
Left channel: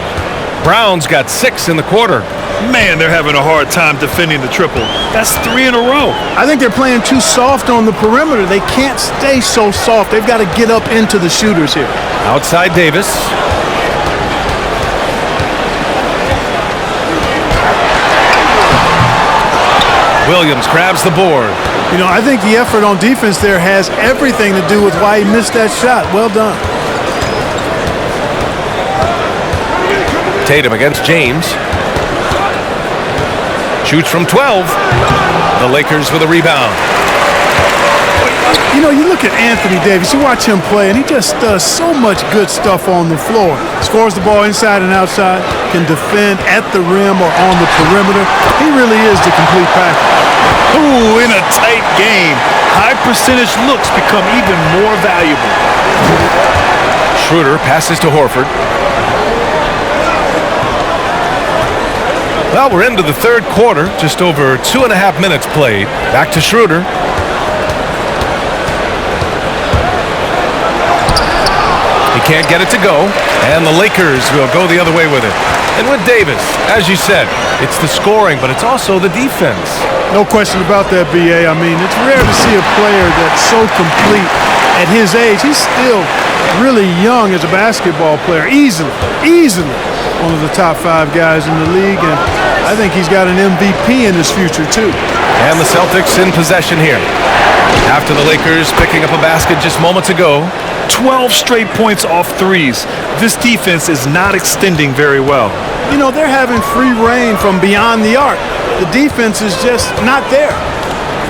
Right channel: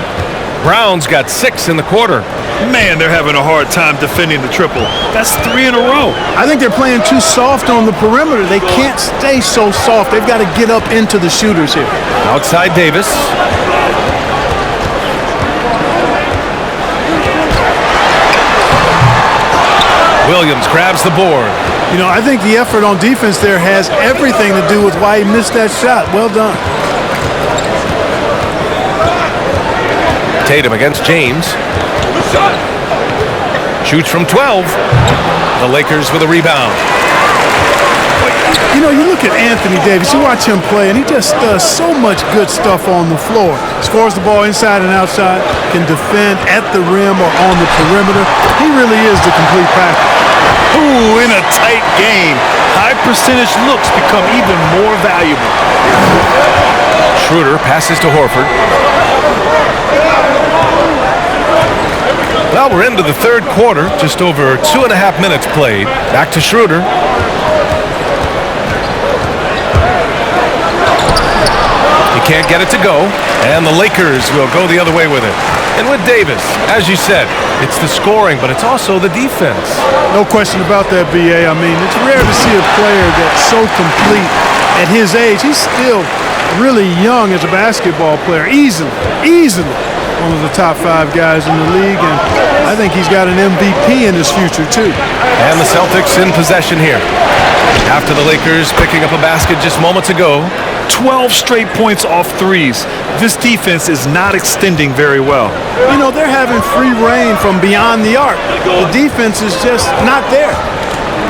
Brown's got 6 in the quarter. Man, they're having a hard time defending the triple. That's 3 in a row. I think they're playing too soft on the perimeter. They can't stay so soft. They've got to get up into the shooters here. Outside Davis. Williams grabs the board. You know, I think the effort on defense there has everything to do with why he missed that shot. Well done. Tatum against James. Shoots from 12. The Lakers with a rebound. You know, you look at Anthony Davis, you watch him play, and he just does so much good stuff on the floor. Scores the ball inside and outside, can defend at the rim or on the perimeter. He really is the complete package. Ooh, in a tight game, high percentage looks become even more valuable. Schroder passes to Horford. Well, we're into the third quarter, just over 2.5 minutes played. Back to Schroder. He can't get it to go, and the Lakers will go the other way with it. And with Davis, as you said, it's the scoring, but it's also the defense. No question about that, B.A. I mean, it's rare to see a player that's so complete at his age. He's still really young as a basketball player, easily one of the top 5 guys in the league, and I think he's got an MVP in his future, too. And the Celtics in possession here. After the Lakers picking up a basket just moments ago. 12 straight points off threes. This defense is not extending very well. You know, they're having free reign from beyond the arc. The defense is just not there.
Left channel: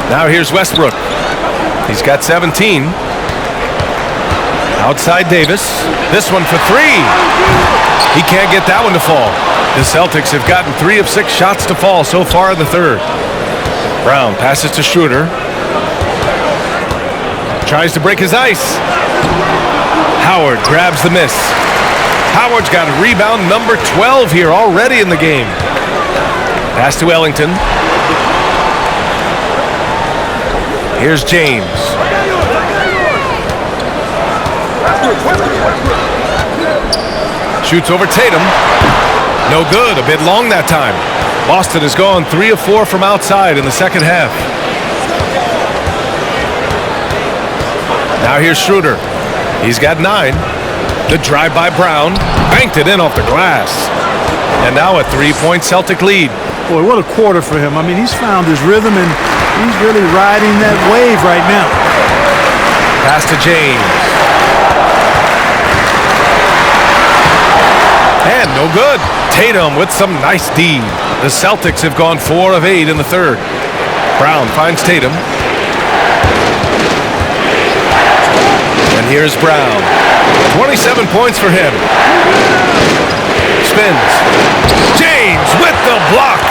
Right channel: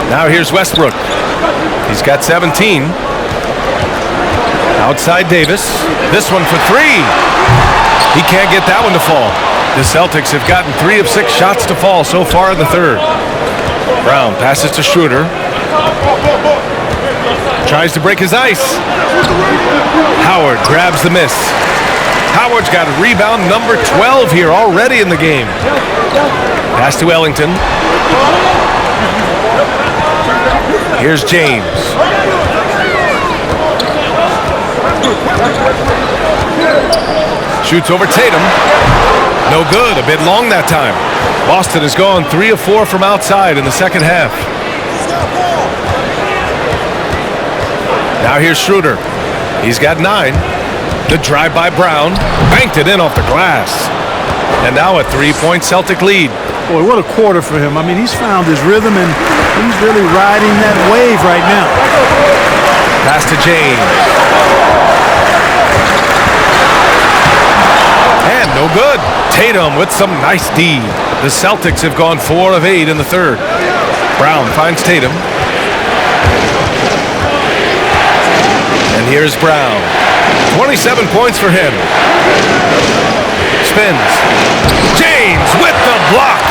Now here's Westbrook. He's got 17. Outside Davis. This one for 3. He can't get that one to fall. The Celtics have gotten 3 of 6 shots to fall so far in the third. Brown passes to Schroder. Tries to break his ice. Howard grabs the miss. Howard's got a rebound number 12 here already in the game. Pass to Ellington. Here's James. Shoots over Tatum. No good, a bit long that time. Boston has gone 3 of 4 from outside in the second half. Now here's Schroder. He's got 9. The drive by Brown. Banked it in off the glass. And now a 3-point Celtic lead. Boy, what a quarter for him. I mean, he's found his rhythm, and he's really riding that wave right now. Pass to James. And no good. Tatum with some nice D. The Celtics have gone 4 of 8 in the third. Brown finds Tatum. And here's Brown. 27 points for him. Spins. James with the block.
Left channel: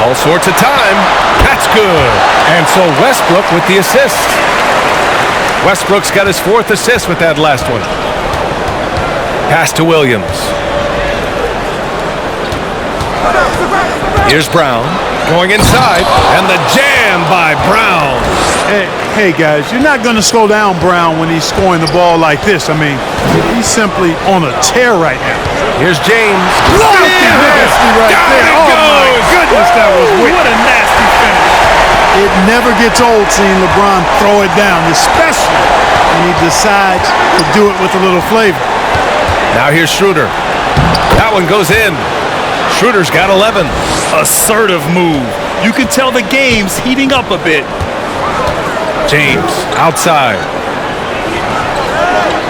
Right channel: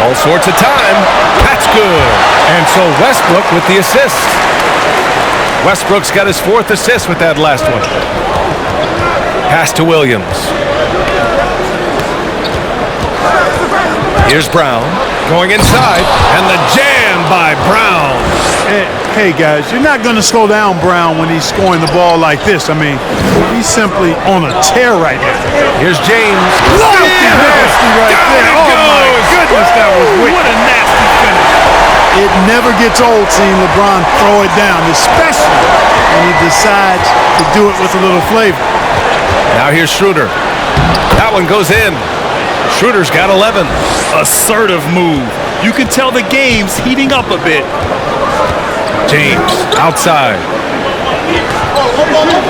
All sorts of time. That's good. And so Westbrook with the assist. Westbrook's got his 4th assist with that last one. Pass to Williams. Here's Brown going inside, and the jam by Brown. Hey guys, you're not going to slow down Brown when he's scoring the ball like this. I mean, he's simply on a tear right now. Here's James. Nasty right there. Oh my goodness, that was wicked. What a nasty finish. It never gets old seeing LeBron throw it down, especially when he decides to do it with a little flavor. Now here's Schroder. That one goes in. Schroder's got 11. Assertive move. You can tell the game's heating up a bit. James outside.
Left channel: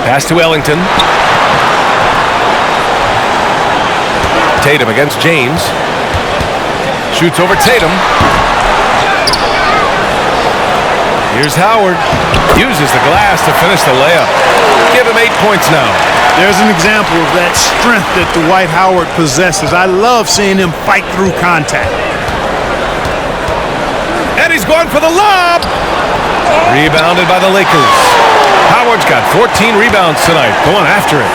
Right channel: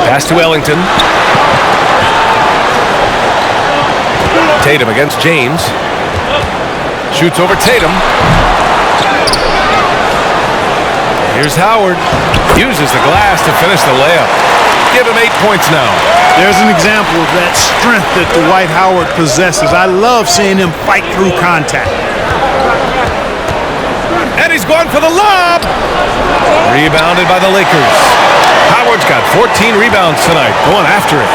Pass to Ellington. Tatum against James. Shoots over Tatum. Here's Howard. Uses the glass to finish the layup. Give him 8 points now. There's an example of that strength that Dwight Howard possesses. I love seeing him fight through contact. And he's going for the lob. Rebounded by the Lakers. Howard's got 14 rebounds tonight, going after it.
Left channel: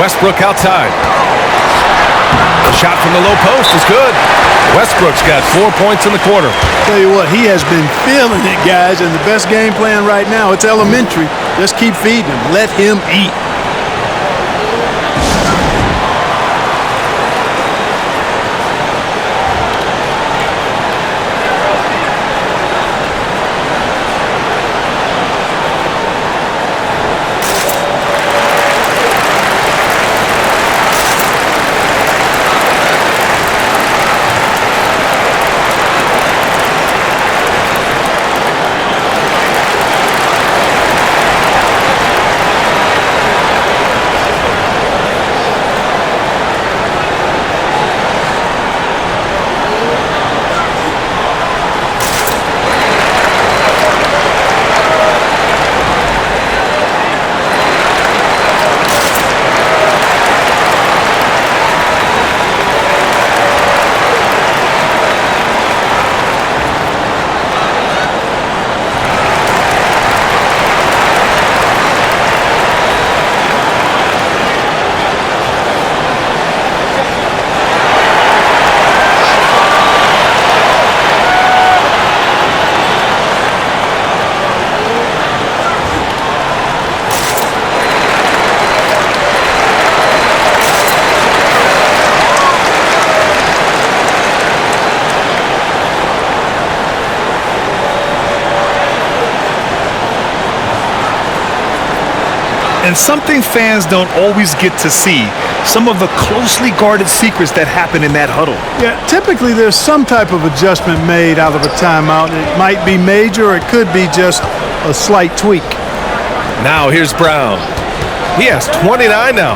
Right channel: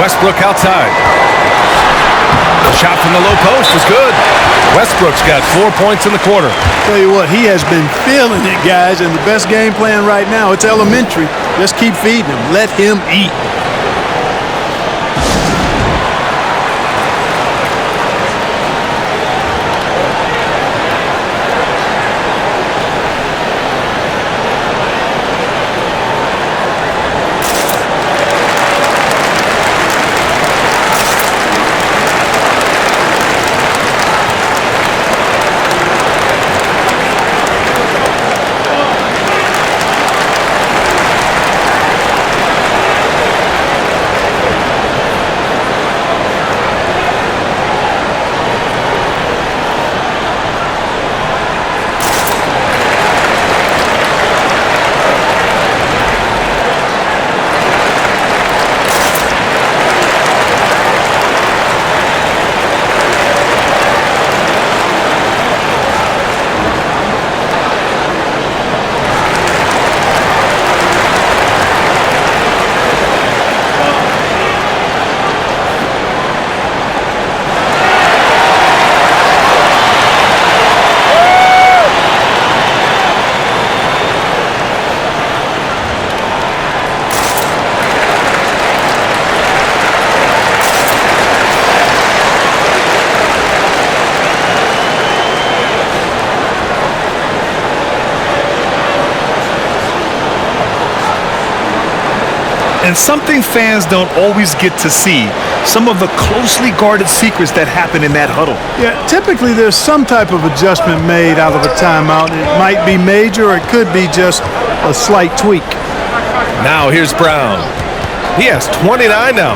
Westbrook outside. The shot from the low post is good. Westbrook's got 4 points in the quarter. Tell you what, he has been feeling it, guys, and the best game plan right now, it's elementary. Just keep feeding him. Let him eat. And something fans don't always get to see, some of the closely guarded secrets that happen in that huddle. Yeah, typically there's some type of adjustment made out of a timeout. It might be major or it could be just a slight tweak. Now here's Brown. He has 29 now.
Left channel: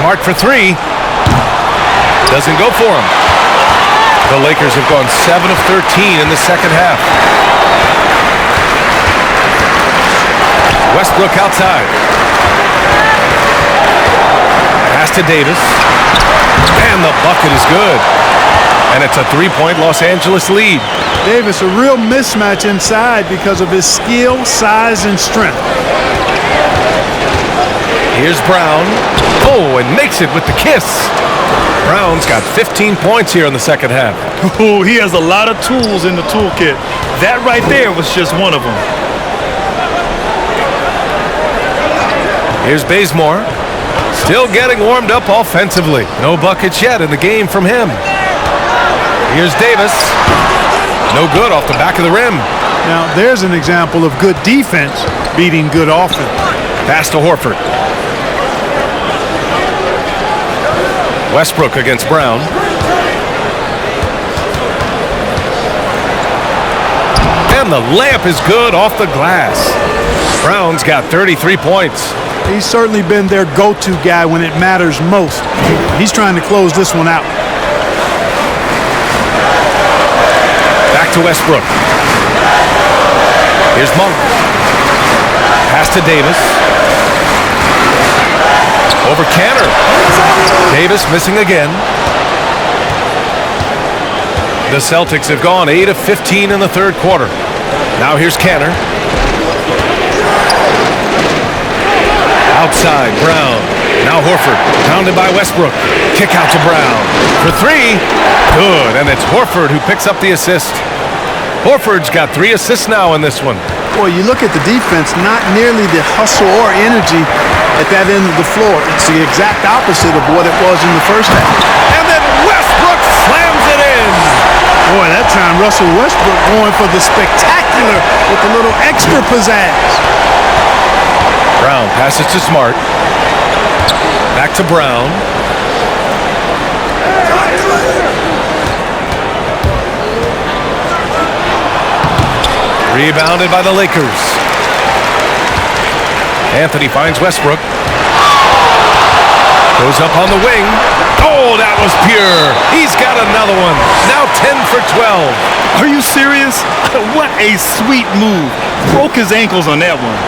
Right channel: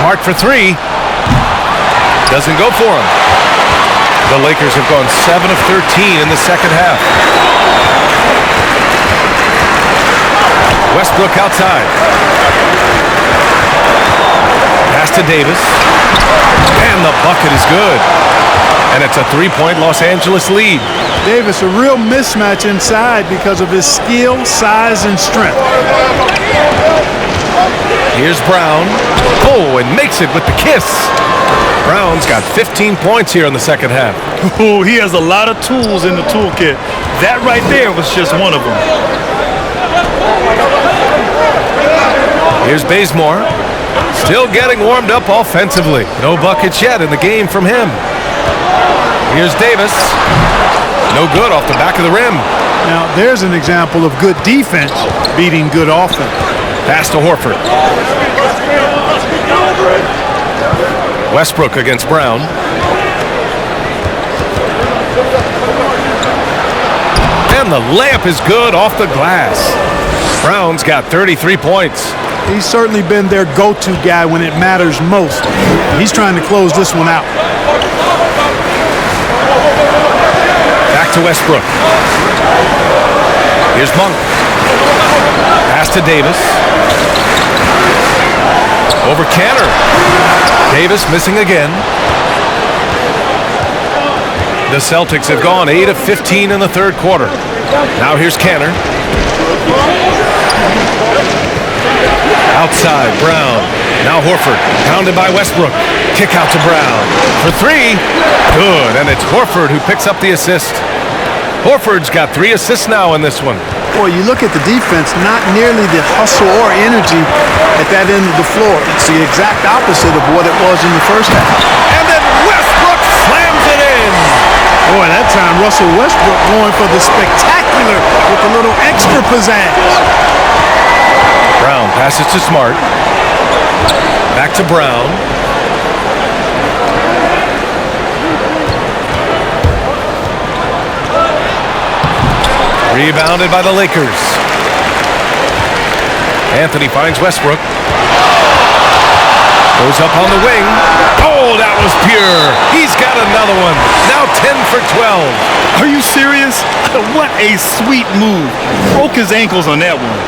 Smart for 3. Doesn't go for him. The Lakers have gone 7 of 13 in the second half. Westbrook outside. Pass to Davis. And the bucket is good. And it's a 3-point Los Angeles lead. Davis, a real mismatch inside because of his skill, size, and strength. Here's Brown. Oh, and makes it with the kiss. Brown's got 15 points here in the second half. Oh, he has a lot of tools in the toolkit. That right there was just one of them. Here's Bazemore. Still getting warmed up offensively. No buckets yet in the game from him. Here's Davis. No good off the back of the rim. Now, there's an example of good defense beating good offense. Pass to Horford. Westbrook against Brown. And the layup is good off the glass. Brown's got 33 points. He's certainly been their go-to guy when it matters most. He's trying to close this one out. Back to Westbrook. Here's Monk. Pass to Davis. Over Canner. Davis missing again. The Celtics have gone 8 of 15 in the third quarter. Now here's Canner. Outside, Brown. Now Horford, pounded by Westbrook. Kick out to Brown. For three, good, and it's Horford who picks up the assist. Horford's got 3 assists now in this one. Boy, you look at the defense, not nearly the hustle or energy at that end of the floor. It's the exact opposite of what it was in the first half. And then Westbrook slams it in. Boy, that time Russell Westbrook going for the spectacular with a little extra pizzazz. Brown passes to Smart. Back to Brown. Rebounded by the Lakers. Anthony finds Westbrook. Goes up on the wing. Oh, that was pure. He's got another one. Now 10 for 12. Are you serious? What a sweet move. Broke his ankles on that one.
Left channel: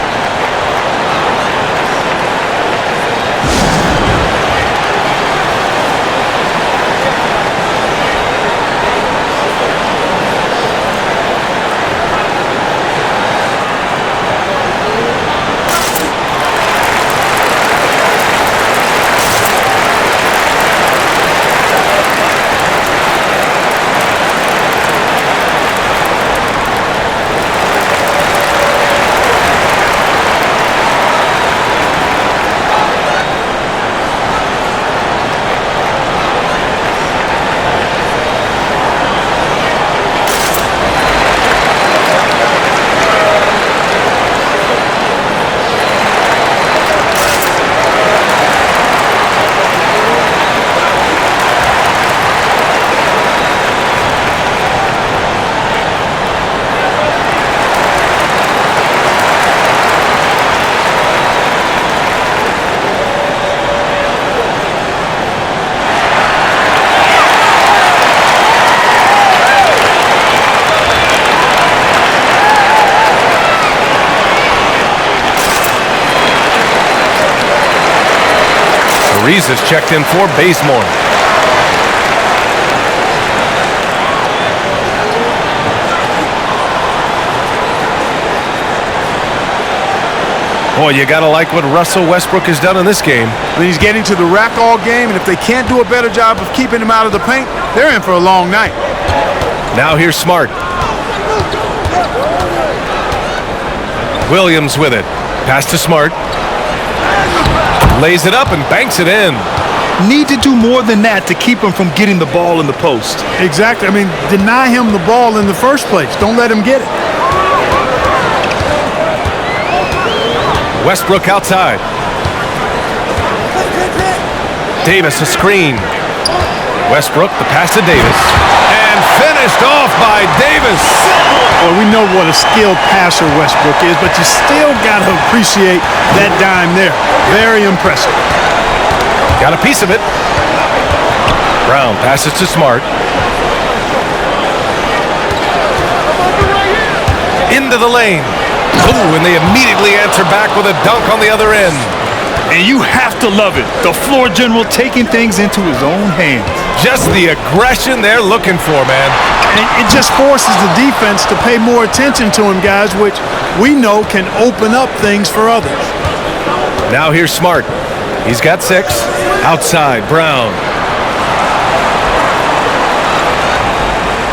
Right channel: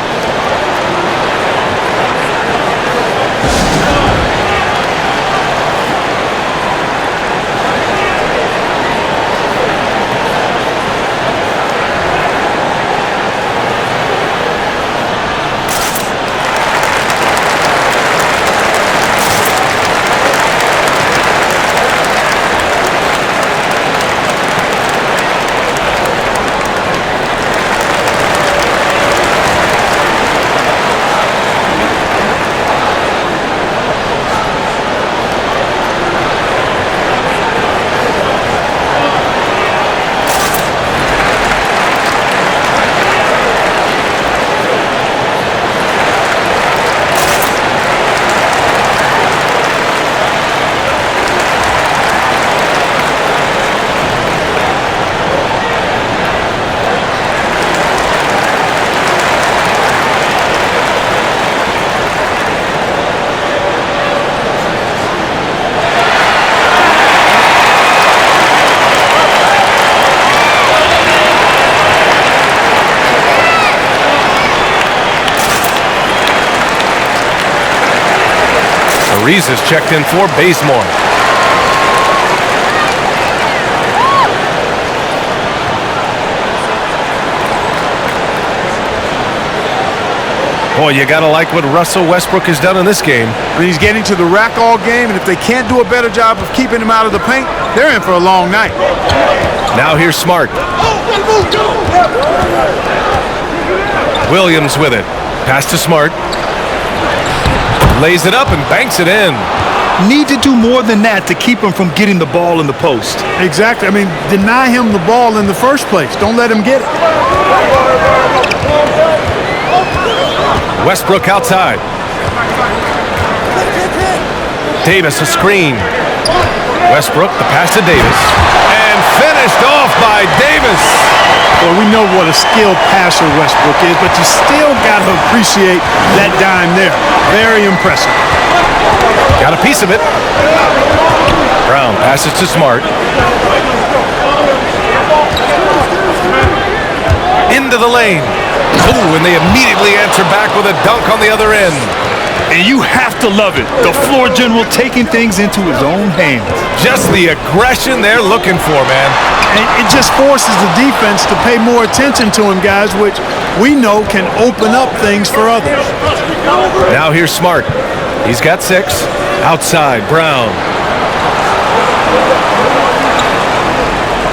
Reese is checked in for Bazemore. Boy, you gotta like what Russell Westbrook has done in this game. I mean, he's getting to the rack all game, and if they can't do a better job of keeping him out of the paint, they're in for a long night. Now here's Smart. Williams with it. Pass to Smart. Lays it up and banks it in. Need to do more than that to keep him from getting the ball in the post. Exactly. I mean, deny him the ball in the first place. Don't let him get it. Westbrook outside. Davis a screen. Westbrook, the pass to Davis. And finished off by Davis. Boy, we know what a skilled passer Westbrook is, but you still got to appreciate that dime there. Very impressive. Got a piece of it. Brown passes to Smart. Into the lane. Oh, and they immediately answer back with a dunk on the other end. And you have to love it. The floor general taking things into his own hands. Just the aggression they're looking for, man. And it just forces the defense to pay more attention to him, guys, which we know can open up things for others. Now here's Smart. He's got 6. Outside, Brown.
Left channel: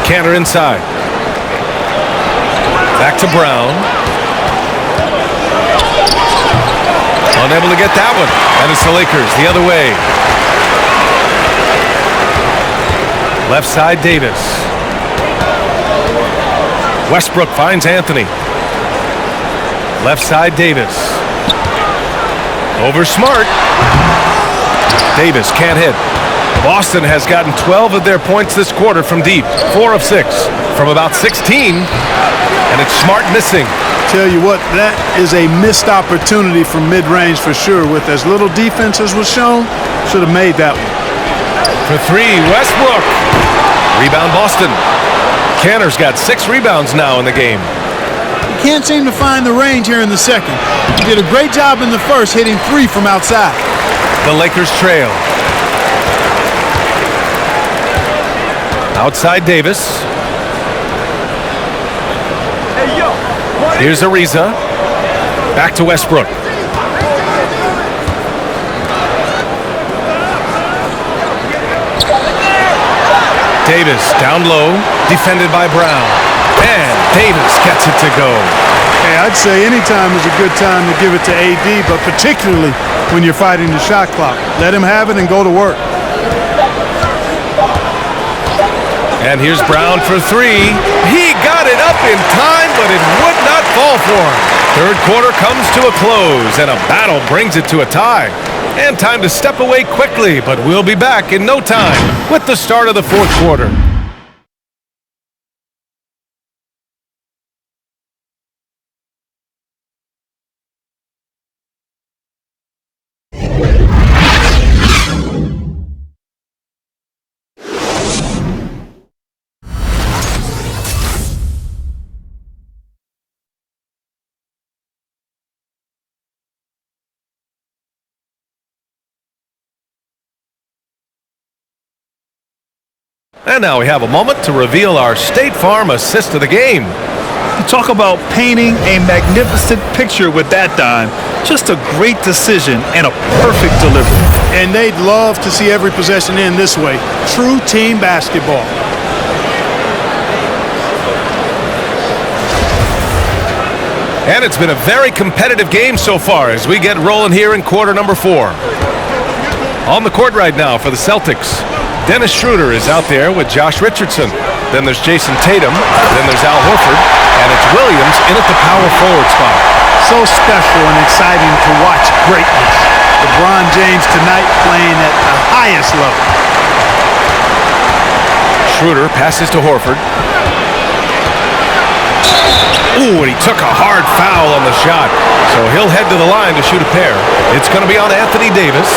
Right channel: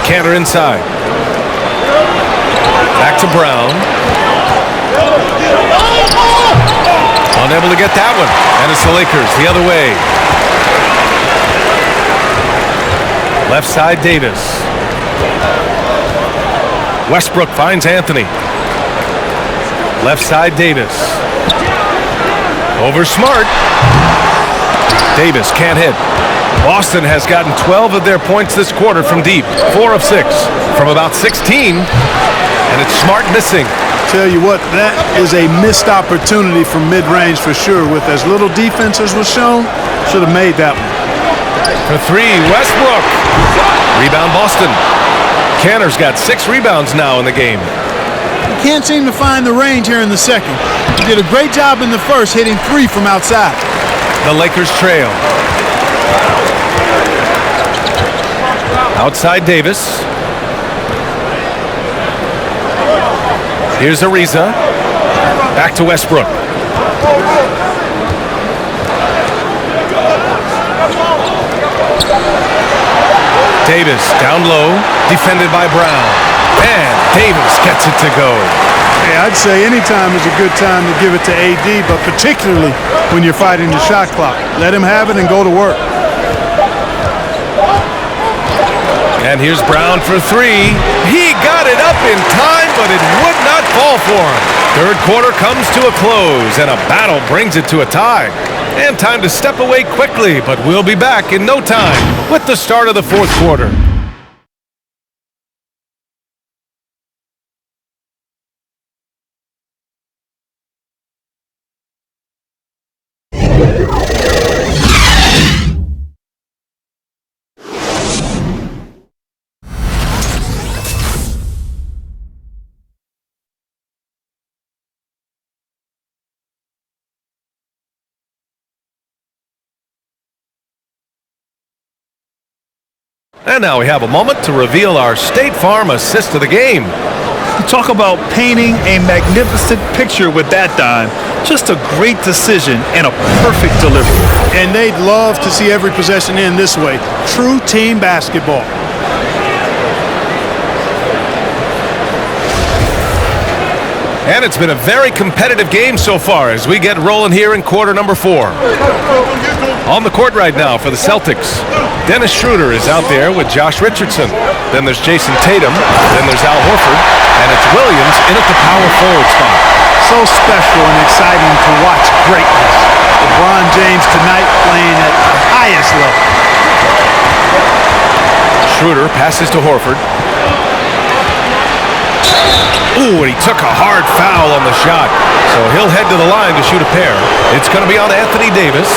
Canner inside. Back to Brown. Unable to get that one. And it's the Lakers the other way. Left side, Davis. Westbrook finds Anthony. Left side, Davis. Over Smart. Davis can't hit. Boston has gotten 12 of their points this quarter from deep. 4 of 6 from about 16. And it's Smart missing. Tell you what, that is a missed opportunity from mid-range for sure. With as little defense as was shown, should have made that one. For 3, Westbrook. Rebound Boston. Canner's got 6 rebounds now in the game. He can't seem to find the range here in the second. He did a great job in the first, hitting 3 from outside. The Lakers trail. Outside Davis. Here's Ariza. Back to Westbrook. Davis down low, defended by Brown. And Davis gets it to go. Hey, I'd say any time is a good time to give it to AD, but particularly when you're fighting the shot clock. Let him have it and go to work. And here's Brown for 3. He got it up in time, but it would not fall for him. Third quarter comes to a close, and a battle brings it to a tie. And time to step away quickly, but we'll be back in no time with the start of the fourth quarter. And now we have a moment to reveal our State Farm assist of the game. You talk about painting a magnificent picture with that dime. Just a great decision and a perfect delivery. And they'd love to see every possession end this way. True team basketball. And it's been a very competitive game so far as we get rolling here in quarter number 4. On the court right now for the Celtics, Dennis Schroder is out there with Josh Richardson. Then there's Jason Tatum. Then there's Al Horford. And it's Williams in at the power forward spot. So special and exciting to watch greatness. LeBron James tonight playing at the highest level. Schroder passes to Horford. Ooh, and he took a hard foul on the shot. So he'll head to the line to shoot a pair. It's going to be on Anthony Davis.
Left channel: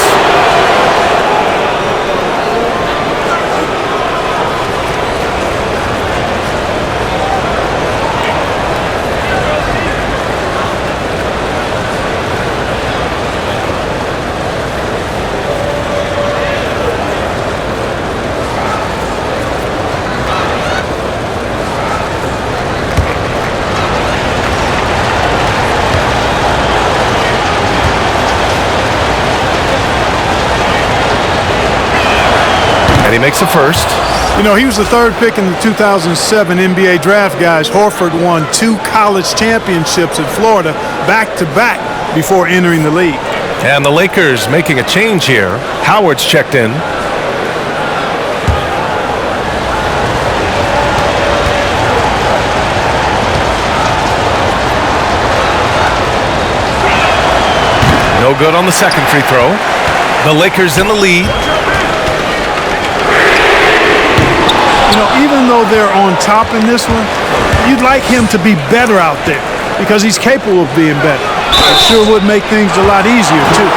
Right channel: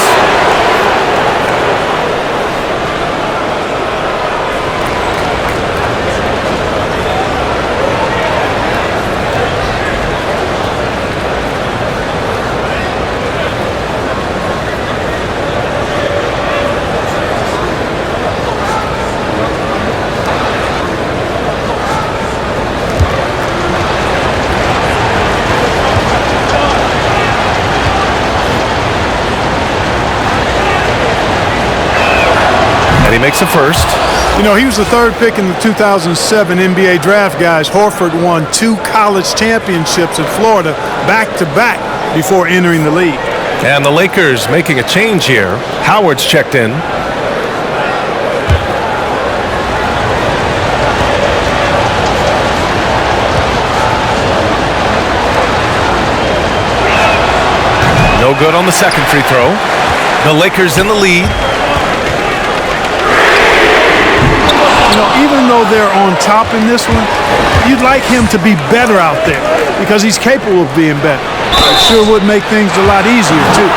And he makes a first. You know, he was the third pick in the 2007 NBA draft, guys. Horford won 2 college championships in Florida back-to-back before entering the league. And the Lakers making a change here. Howard's checked in. No good on the second free throw. The Lakers in the lead. You know, even though they're on top in this one, you'd like him to be better out there because he's capable of being better. It sure would make things a lot easier, too.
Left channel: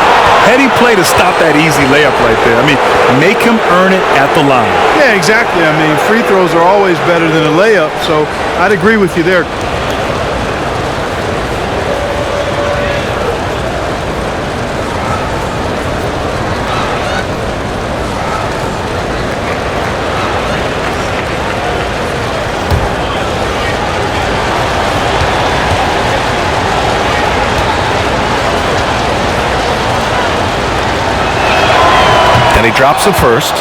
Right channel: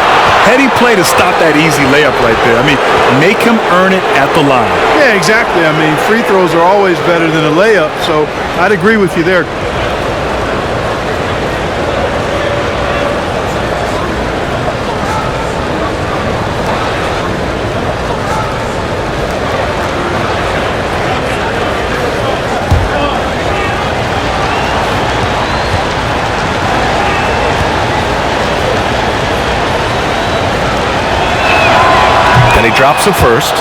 Heady play to stop that easy layup right there. I mean, make him earn it at the line. Yeah, exactly. I mean, free throws are always better than a layup, so I'd agree with you there. And he drops the first.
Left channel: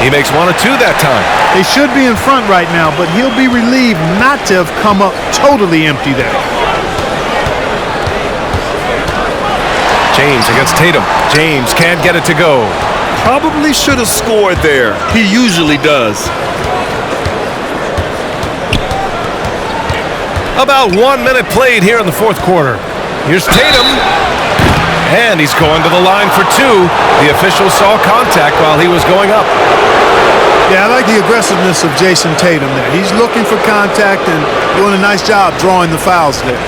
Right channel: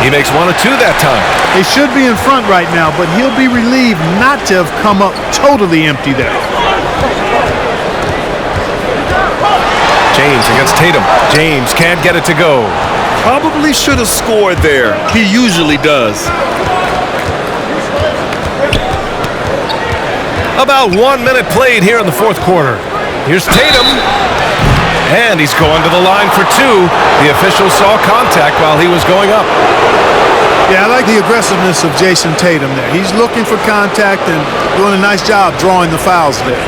He makes 1 of 2 that time. They should be in front right now, but he'll be relieved not to have come up totally empty there. James against Tatum. James can't get it to go. Probably should have scored there. He usually does. About 1 minute played here in the fourth quarter. Here's Tatum. And he's going to the line for 2. The official saw contact while he was going up. Yeah, I like the aggressiveness of Jason Tatum there. He's looking for contact and doing a nice job drawing the fouls there.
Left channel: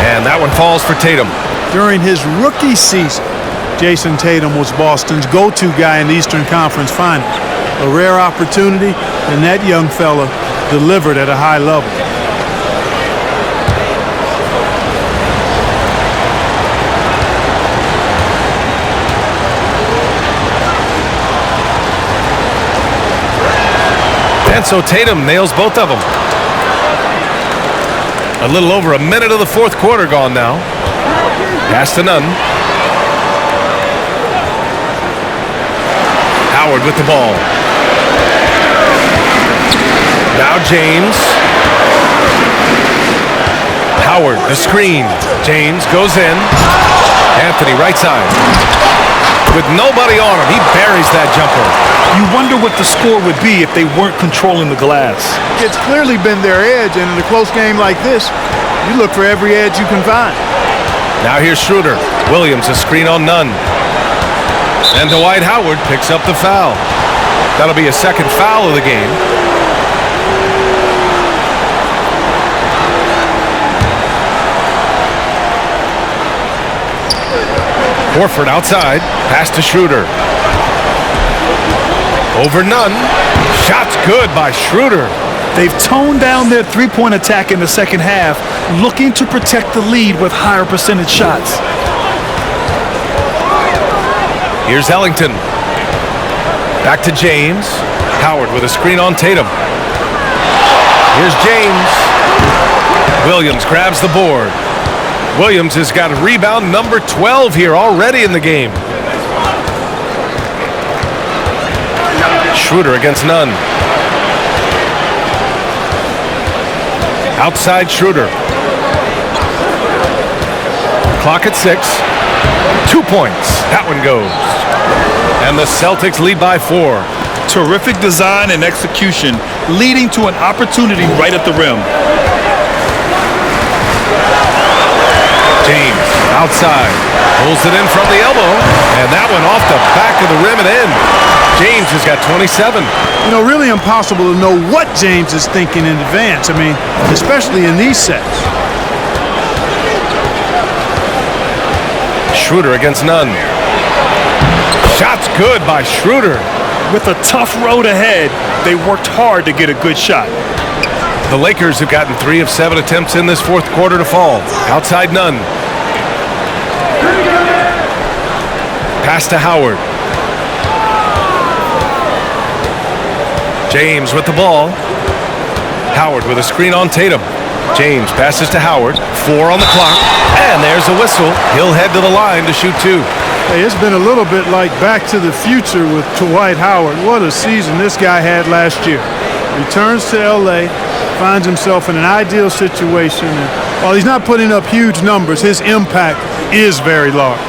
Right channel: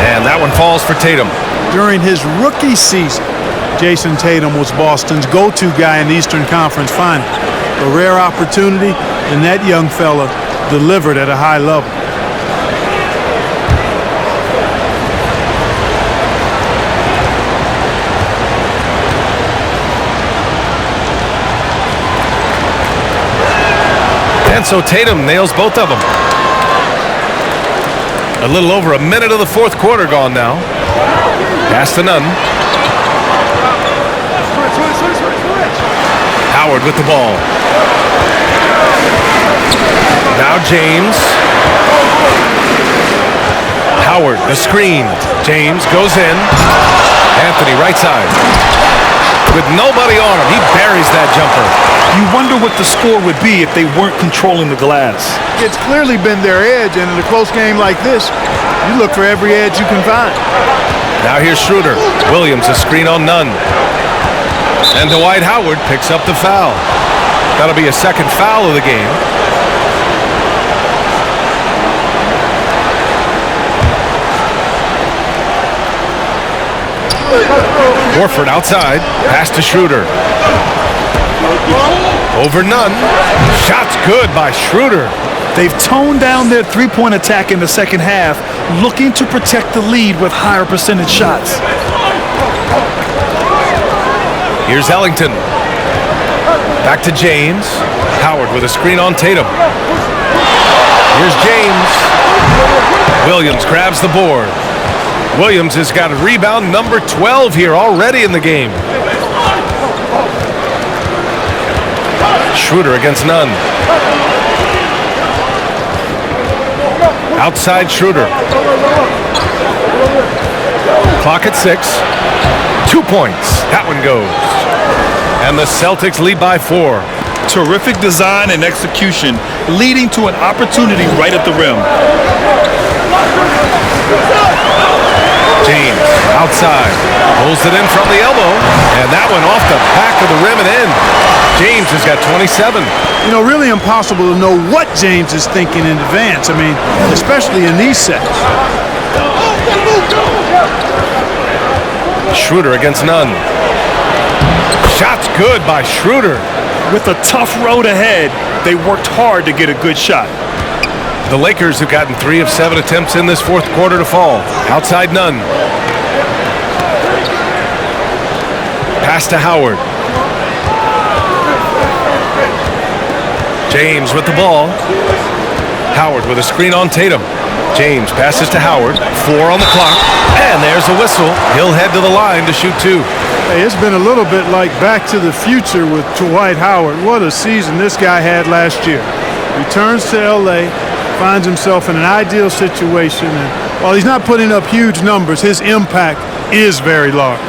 And that one falls for Tatum. During his rookie season, Jason Tatum was Boston's go-to guy in the Eastern Conference Finals. A rare opportunity, and that young fella delivered at a high level. And so Tatum nails both of them. A little over a minute of the fourth quarter gone now. Pass to Nunn. Howard with the ball. Now James. Howard, the screen. James goes in. Anthony, right side. With nobody on him, he buries that jumper. You wonder what the score would be if they weren't controlling the glass. It's clearly been their edge, and in a close game like this, you look for every edge you can find. Now here's Schroder. Williams, a screen on Nunn. And Dwight Howard picks up the foul. That'll be a second foul of the game. Horford outside. Pass to Schroder. Over Nunn. Shot's good by Schroder. They've toned down their three-point attack in the second half, looking to protect the lead with higher percentage shots. Here's Ellington. Back to James. Howard with a screen on Tatum. Here's James. Williams grabs the board. Williams has got rebound number 12 here already in the game. Schroder against Nunn. Outside Schroder. Clock at 6. 2 points. That one goes. And the Celtics lead by 4. Terrific design and execution, leading to an opportunity right at the rim. James outside. Pulls it in from the elbow. And that one off the back of the rim and in. James has got 27. You know, really impossible to know what James is thinking in advance. I mean, especially in these sets. Schroder against Nunn. Shot's good by Schroder. With a tough road ahead, they worked hard to get a good shot. The Lakers have gotten 3 of 7 attempts in this fourth quarter to fall. Outside Nunn. Pass to Howard. James with the ball. Howard with a screen on Tatum. James passes to Howard. 4 on the clock. And there's a whistle. He'll head to the line to shoot 2. Hey, it's been a little bit like Back to the Future with Dwight Howard. What a season this guy had last year. Returns to L.A., finds himself in an ideal situation, and while he's not putting up huge numbers, his impact is very large.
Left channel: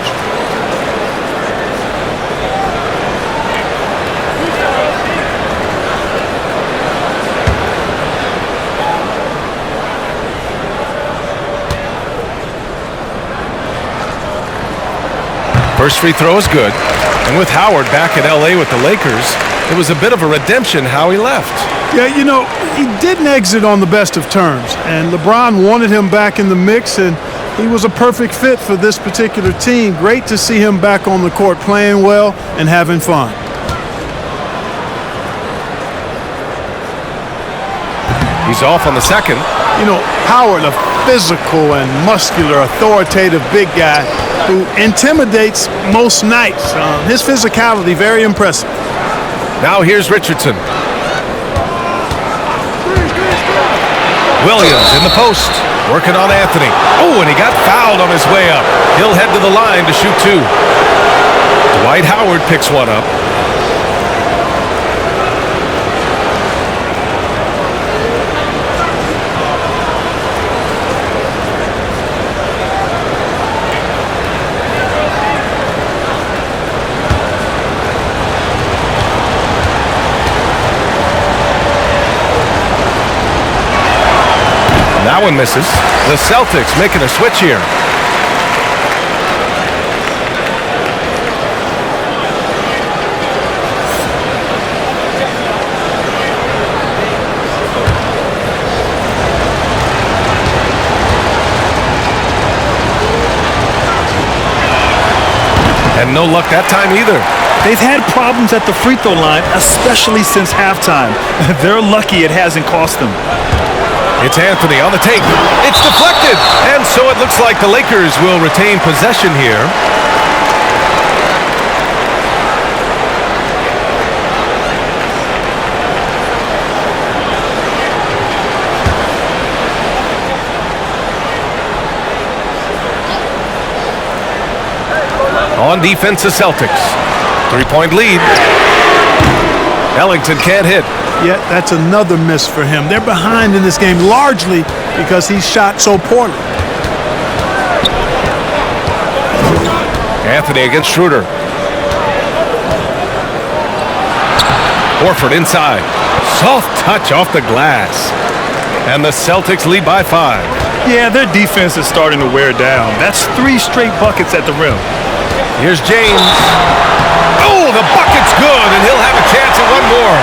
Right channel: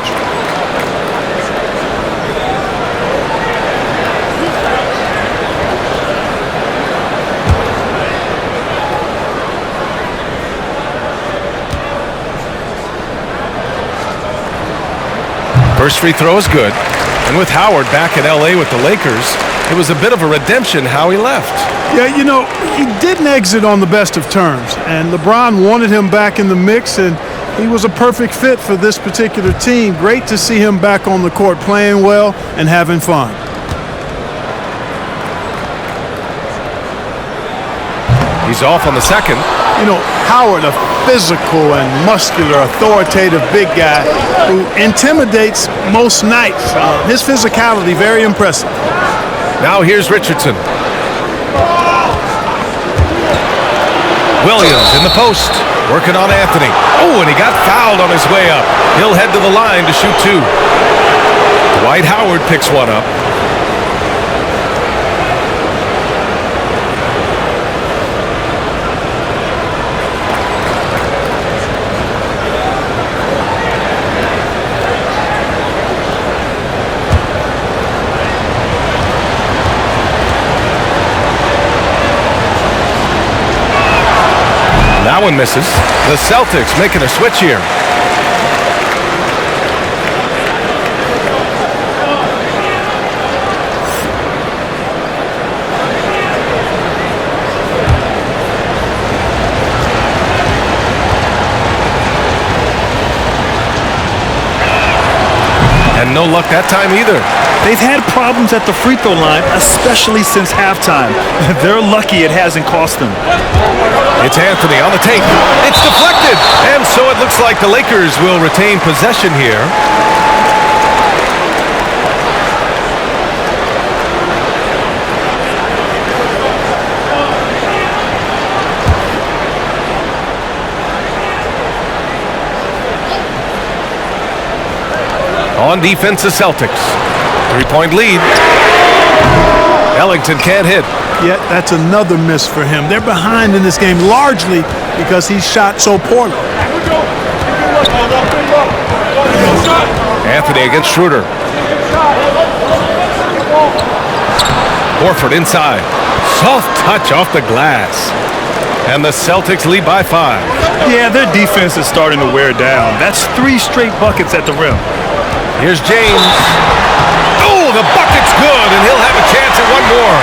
First free throw is good. And with Howard back at L.A. with the Lakers, it was a bit of a redemption how he left. Yeah, you know, he didn't exit on the best of terms, and LeBron wanted him back in the mix, and he was a perfect fit for this particular team. Great to see him back on the court playing well and having fun. He's off on the second. You know, Howard, a physical and muscular, authoritative big guy who intimidates most nights. His physicality, very impressive. Now here's Richardson. Williams in the post, working on Anthony. Oh, and he got fouled on his way up. He'll head to the line to shoot two. Dwight Howard picks one up. That one misses. The Celtics making a switch here. And no luck that time either. They've had problems at the free throw line, especially since halftime. They're lucky it hasn't cost them. It's Anthony on the take. It's deflected. And so it looks like the Lakers will retain possession here. On defense, the Celtics. 3-point lead. Ellington can't hit. Yet that's another miss for him. They're behind in this game largely because he shot so poorly. Anthony against Schroder. Horford inside. Soft touch off the glass. And the Celtics lead by 5. Yeah, their defense is starting to wear down. That's 3 straight buckets at the rim. Here's James. Oh, the bucket's good, and he'll have a chance at one more.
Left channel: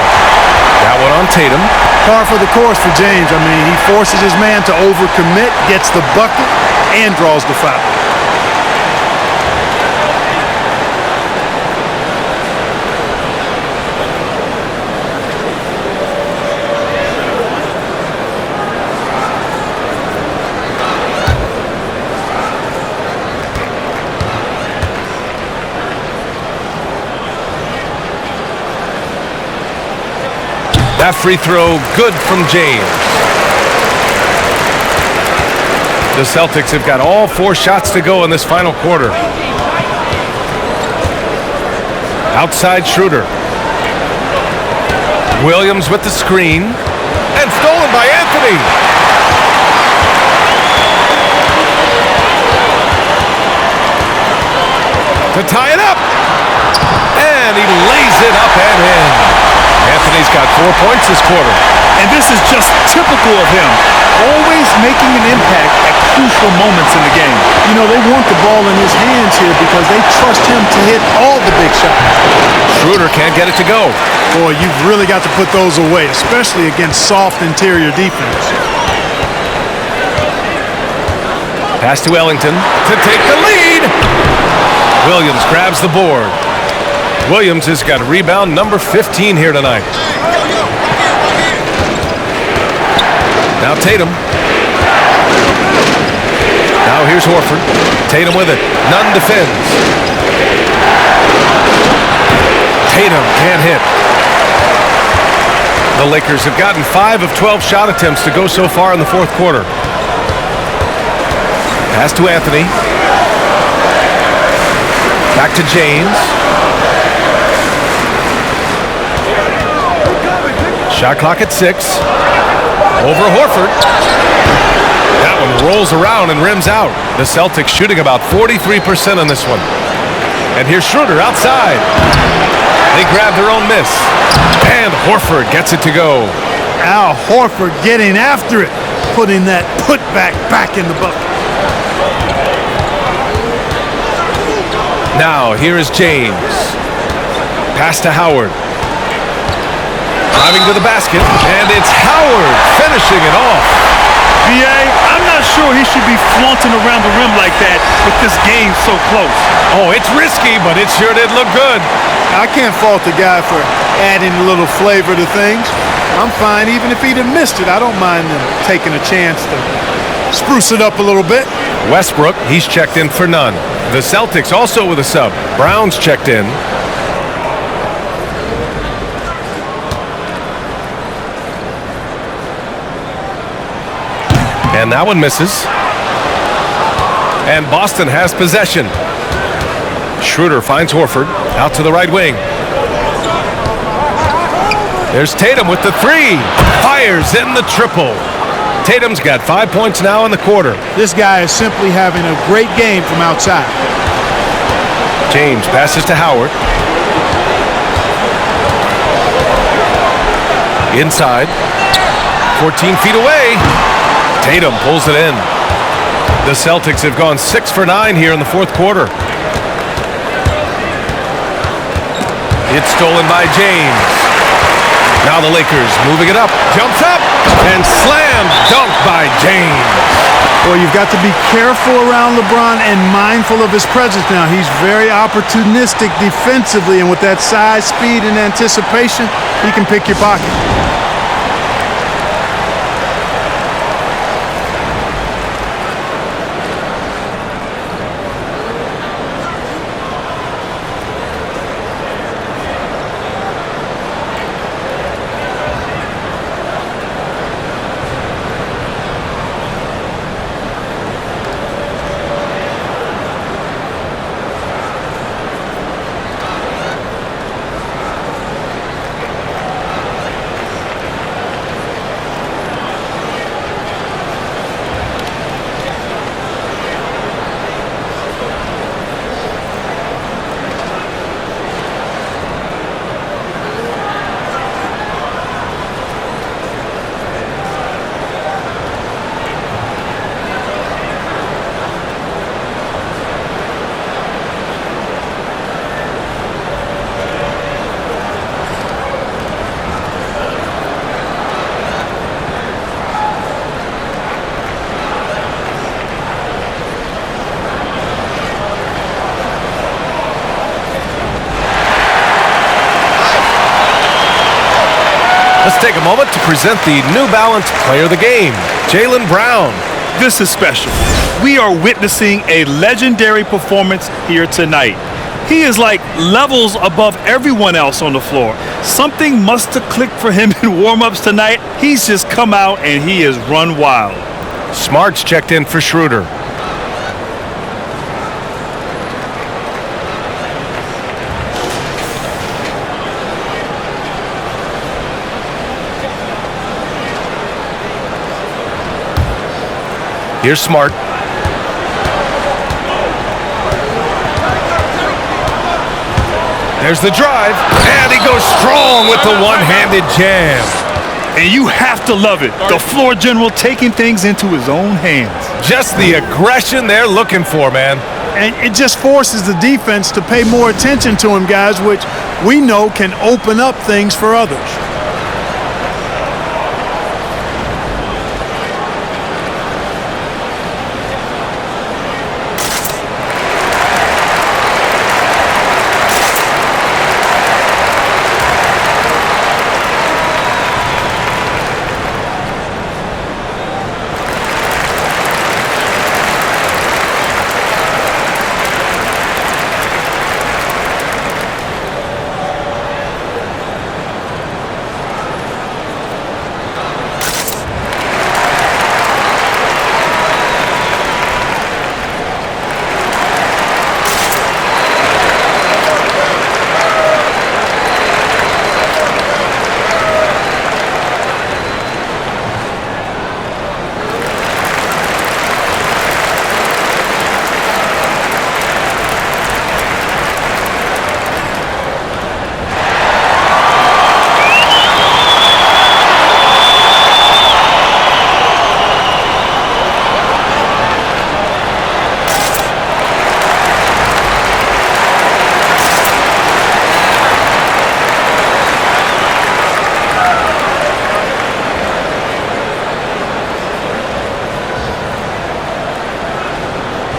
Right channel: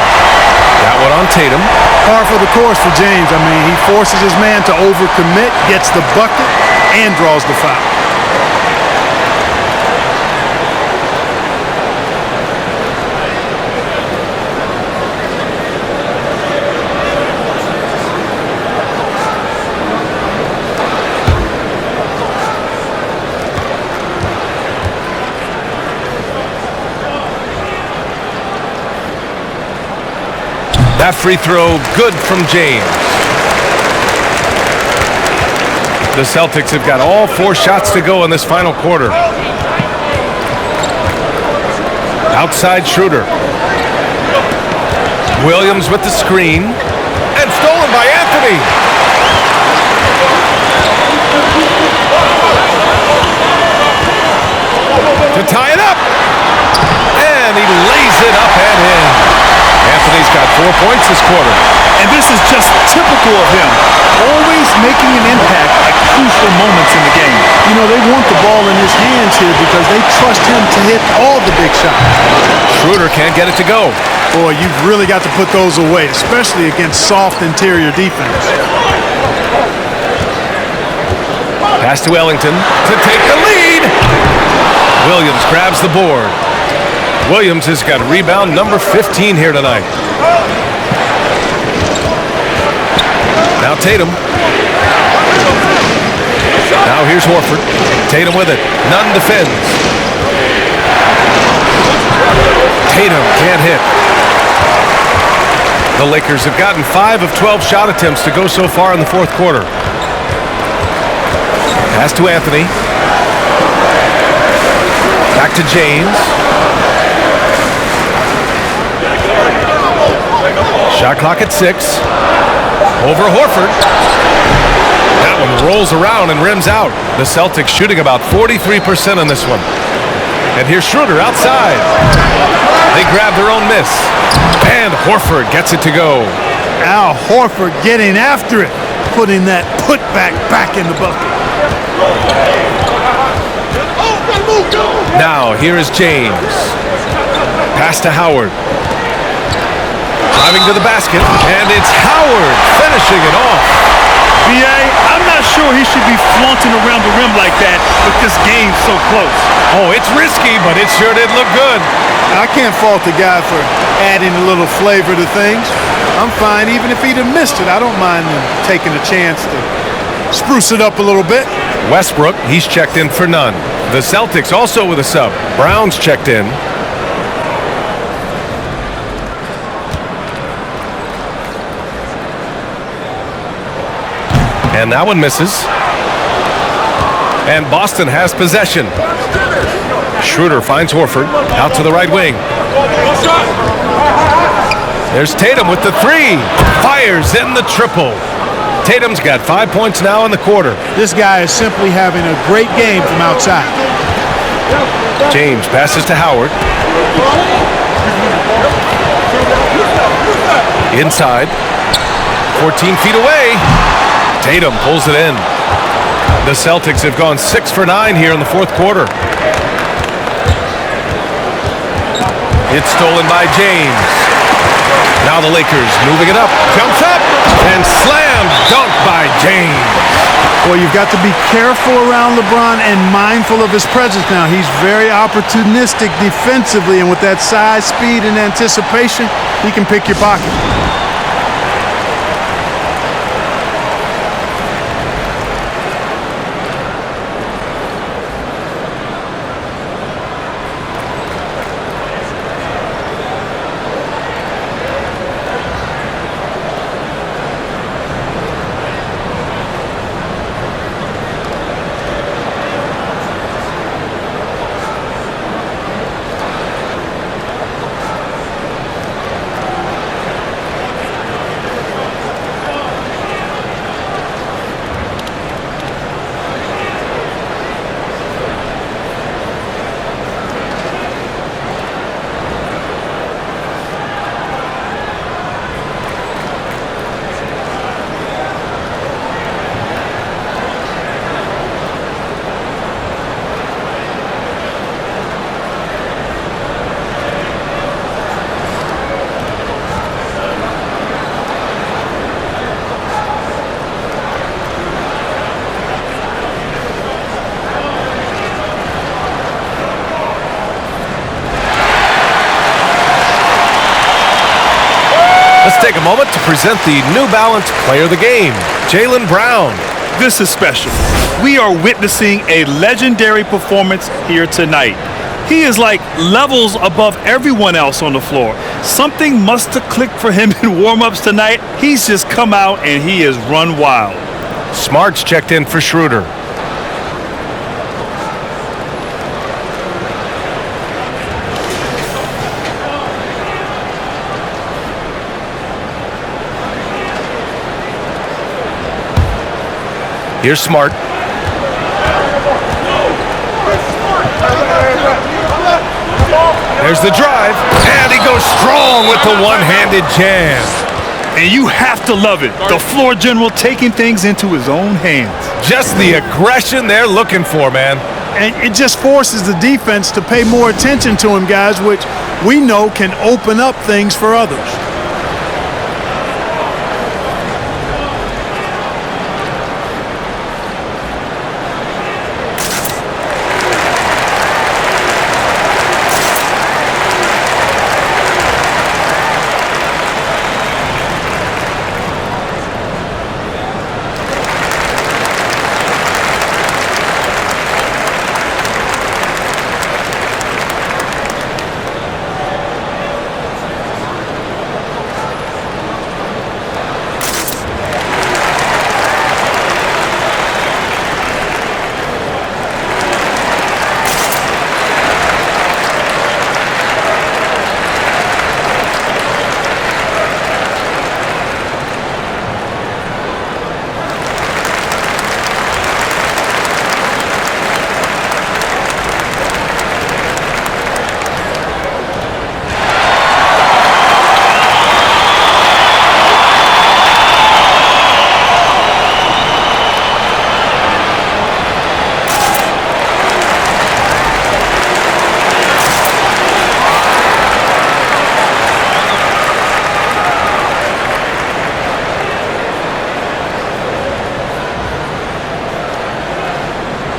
That one on Tatum. Par for the course for James. I mean, he forces his man to overcommit, gets the bucket, and draws the foul. That free throw good from James. The Celtics have got all 4 shots to go in this final quarter. Outside Schroder. Williams with the screen. And stolen by Anthony. To tie it up. And he lays it up and in. Anthony's got 4 points this quarter. And this is just typical of him. Always making an impact at crucial moments in the game. You know, they want the ball in his hands here because they trust him to hit all the big shots. Schroder can't get it to go. Boy, you've really got to put those away, especially against soft interior defense. Pass to Ellington to take the lead. Williams grabs the board. Williams has got rebound number 15 here tonight. Now Tatum. Now here's Horford. Tatum with it. Nunn defends. Tatum can't hit. The Lakers have gotten 5 of 12 shot attempts to go so far in the fourth quarter. Pass to Anthony. Back to James. Shot clock at 6. Over Horford. That one rolls around and rims out. The Celtics shooting about 43% on this one. And here's Schroder outside. They grab their own miss. And Horford gets it to go. Al Horford getting after it. Putting that putback back in the bucket. Now here is James. Pass to Howard. Driving to the basket, and it's Howard finishing it off. B.A., I'm not sure he should be flaunting around the rim like that with this game so close. Oh, it's risky, but it sure did look good. I can't fault the guy for adding a little flavor to things. I'm fine. Even if he'd have missed it, I don't mind them taking a chance to spruce it up a little bit. Westbrook, he's checked in for none. The Celtics also with a sub. Brown's checked in. And that one misses. And Boston has possession. Schroder finds Horford out to the right wing. There's Tatum with the three. Fires in the triple. Tatum's got 5 points now in the quarter. This guy is simply having a great game from outside. James passes to Howard. Inside. 14 feet away. Tatum pulls it in. The Celtics have gone 6 for 9 here in the fourth quarter. It's stolen by James. Now the Lakers moving it up. Jumps up and slammed dunk by James. Well, you've got to be careful around LeBron and mindful of his presence now. He's very opportunistic defensively, and with that size, speed, and anticipation, he can pick your pocket. Let's take a moment to present the New Balance Player of the Game, Jaylen Brown. This is special. We are witnessing a legendary performance here tonight. He is like levels above everyone else on the floor. Something must have clicked for him in warm-ups tonight. He's just come out and he has run wild. Smart's checked in for Schroder. Here's Smart. There's the drive, and he goes strong with the one-handed jam. And you have to love it. The floor general taking things into his own hands. Just the aggression they're looking for, man. And it just forces the defense to pay more attention to him, guys, which we know can open up things for others.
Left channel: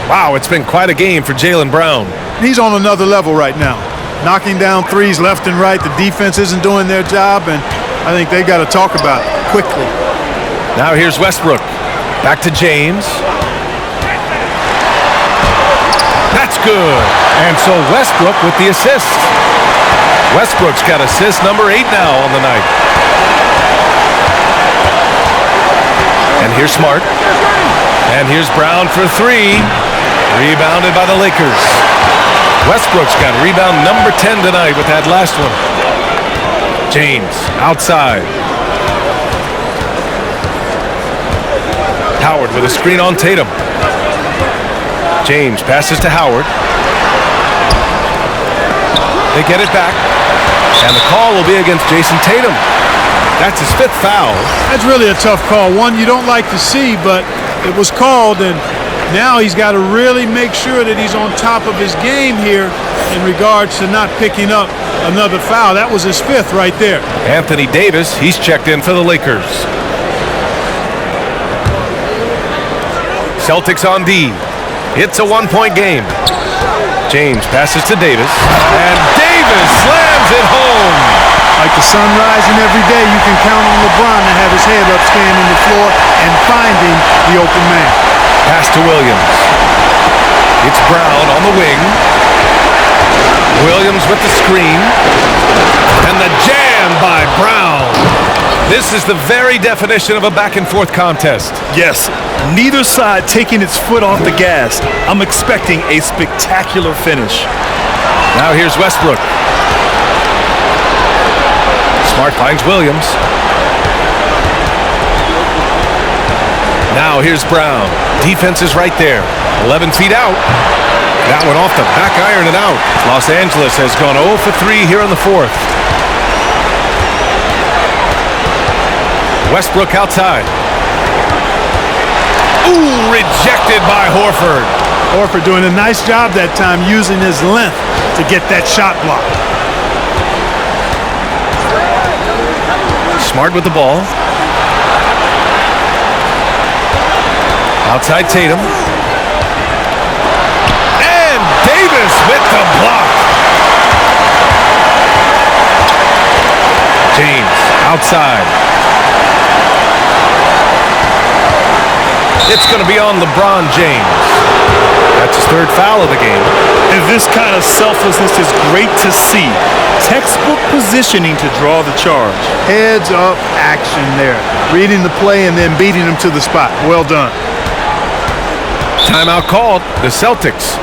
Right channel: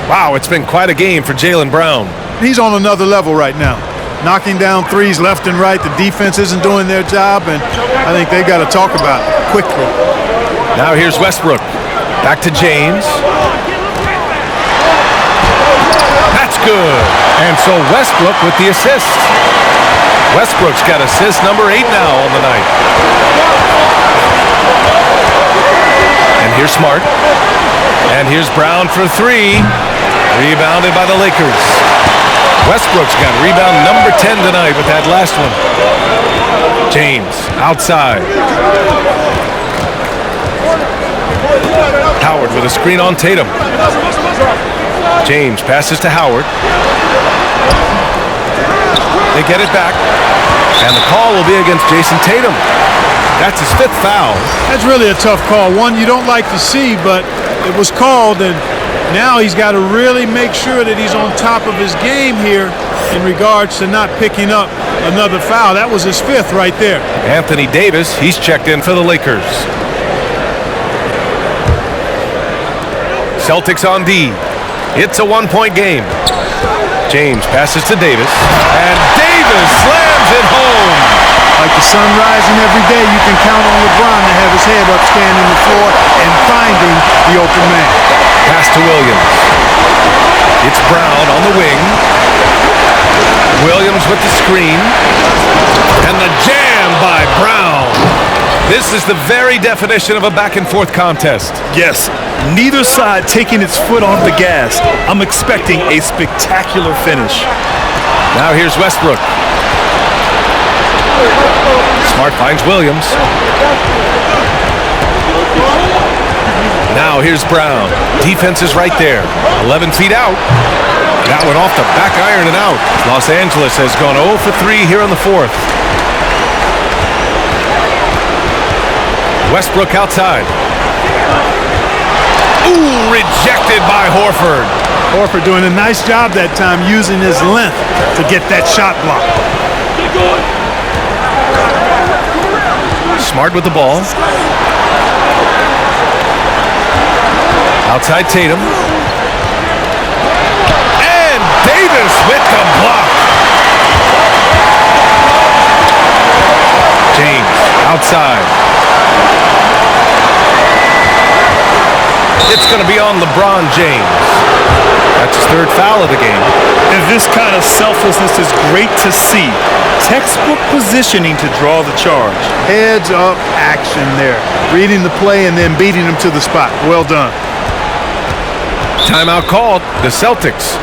Wow, it's been quite a game for Jaylen Brown. He's on another level right now. Knocking down threes left and right. The defense isn't doing their job, and I think they got to talk about it quickly. Now here's Westbrook. Back to James. That's good. And so Westbrook with the assist. Westbrook's got assist number 8 now on the night. And here's Smart. And here's Brown for 3. Rebounded by the Lakers. Westbrook's got rebound number 10 tonight with that last one. James outside. Howard with a screen on Tatum. James passes to Howard. They get it back. And the call will be against Jason Tatum. That's his 5th foul. That's really a tough call. One you don't like to see, but it was called, and now he's got to really make sure that he's on top of his game here in regards to not picking up another foul. That was his 5th right there. Anthony Davis, he's checked in for the Lakers. Celtics on D. It's a 1-point game. James passes to Davis, and Davis slams it home. Like the sun rising every day, you can count on LeBron to have his head up scanning the floor and finding the open man. Pass to Williams. It's Brown on the wing. Williams with the screen. And the jam by Brown. This is the very definition of a back-and-forth contest. Yes, neither side taking its foot off the gas. I'm expecting a spectacular finish. Now here's Westbrook. Smart finds Williams. Now here's Brown. Defense is right there. 11 feet out. That one off the back iron and out. Los Angeles has gone 0 for 3 here in the 4th. Westbrook outside. Ooh, rejected by Horford. Horford doing a nice job that time using his length to get that shot block. Smart with the ball. Outside Tatum. And Davis with the block. James outside. It's going to be on LeBron James. That's his 3rd foul of the game. And this kind of selflessness is great to see. Textbook positioning to draw the charge. Heads up action there. Reading the play and then beating him to the spot. Well done. Timeout called. The Celtics.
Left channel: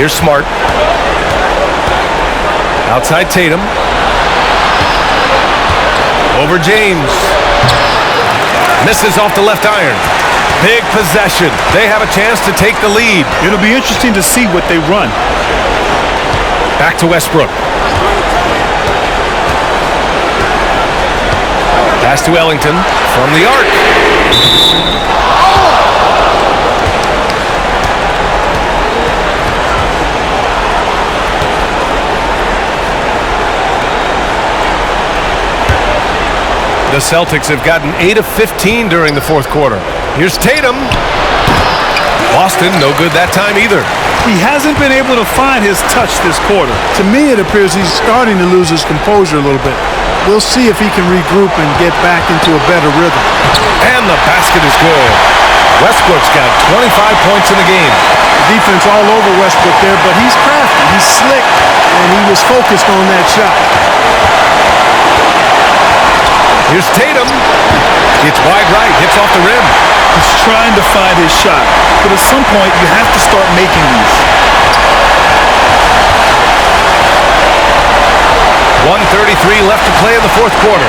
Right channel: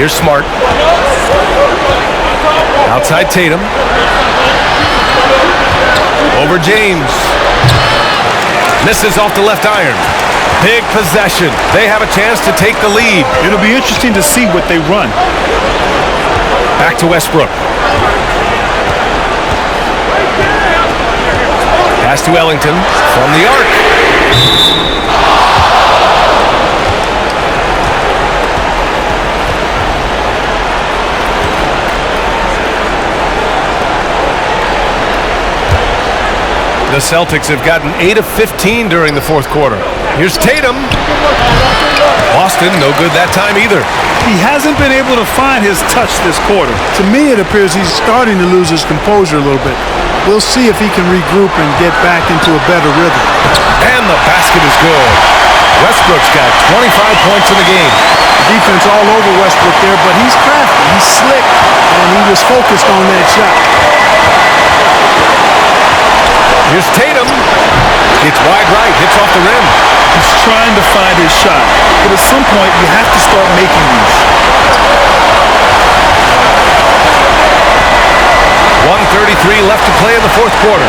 Here's Smart. Outside Tatum. Over James. Misses off the left iron. Big possession. They have a chance to take the lead. It'll be interesting to see what they run. Back to Westbrook. Pass to Ellington from the arc. The Celtics have gotten 8 of 15 during the fourth quarter. Here's Tatum. Boston, no good that time either. He hasn't been able to find his touch this quarter. To me, it appears he's starting to lose his composure a little bit. We'll see if he can regroup and get back into a better rhythm. And the basket is good. Westbrook's got 25 points in the game. The defense all over Westbrook there, but he's crafty, he's slick, and he was focused on that shot. Here's Tatum. It's wide right, hits off the rim. He's trying to find his shot, but at some point you have to start making these. 1:33 left to play in the fourth quarter.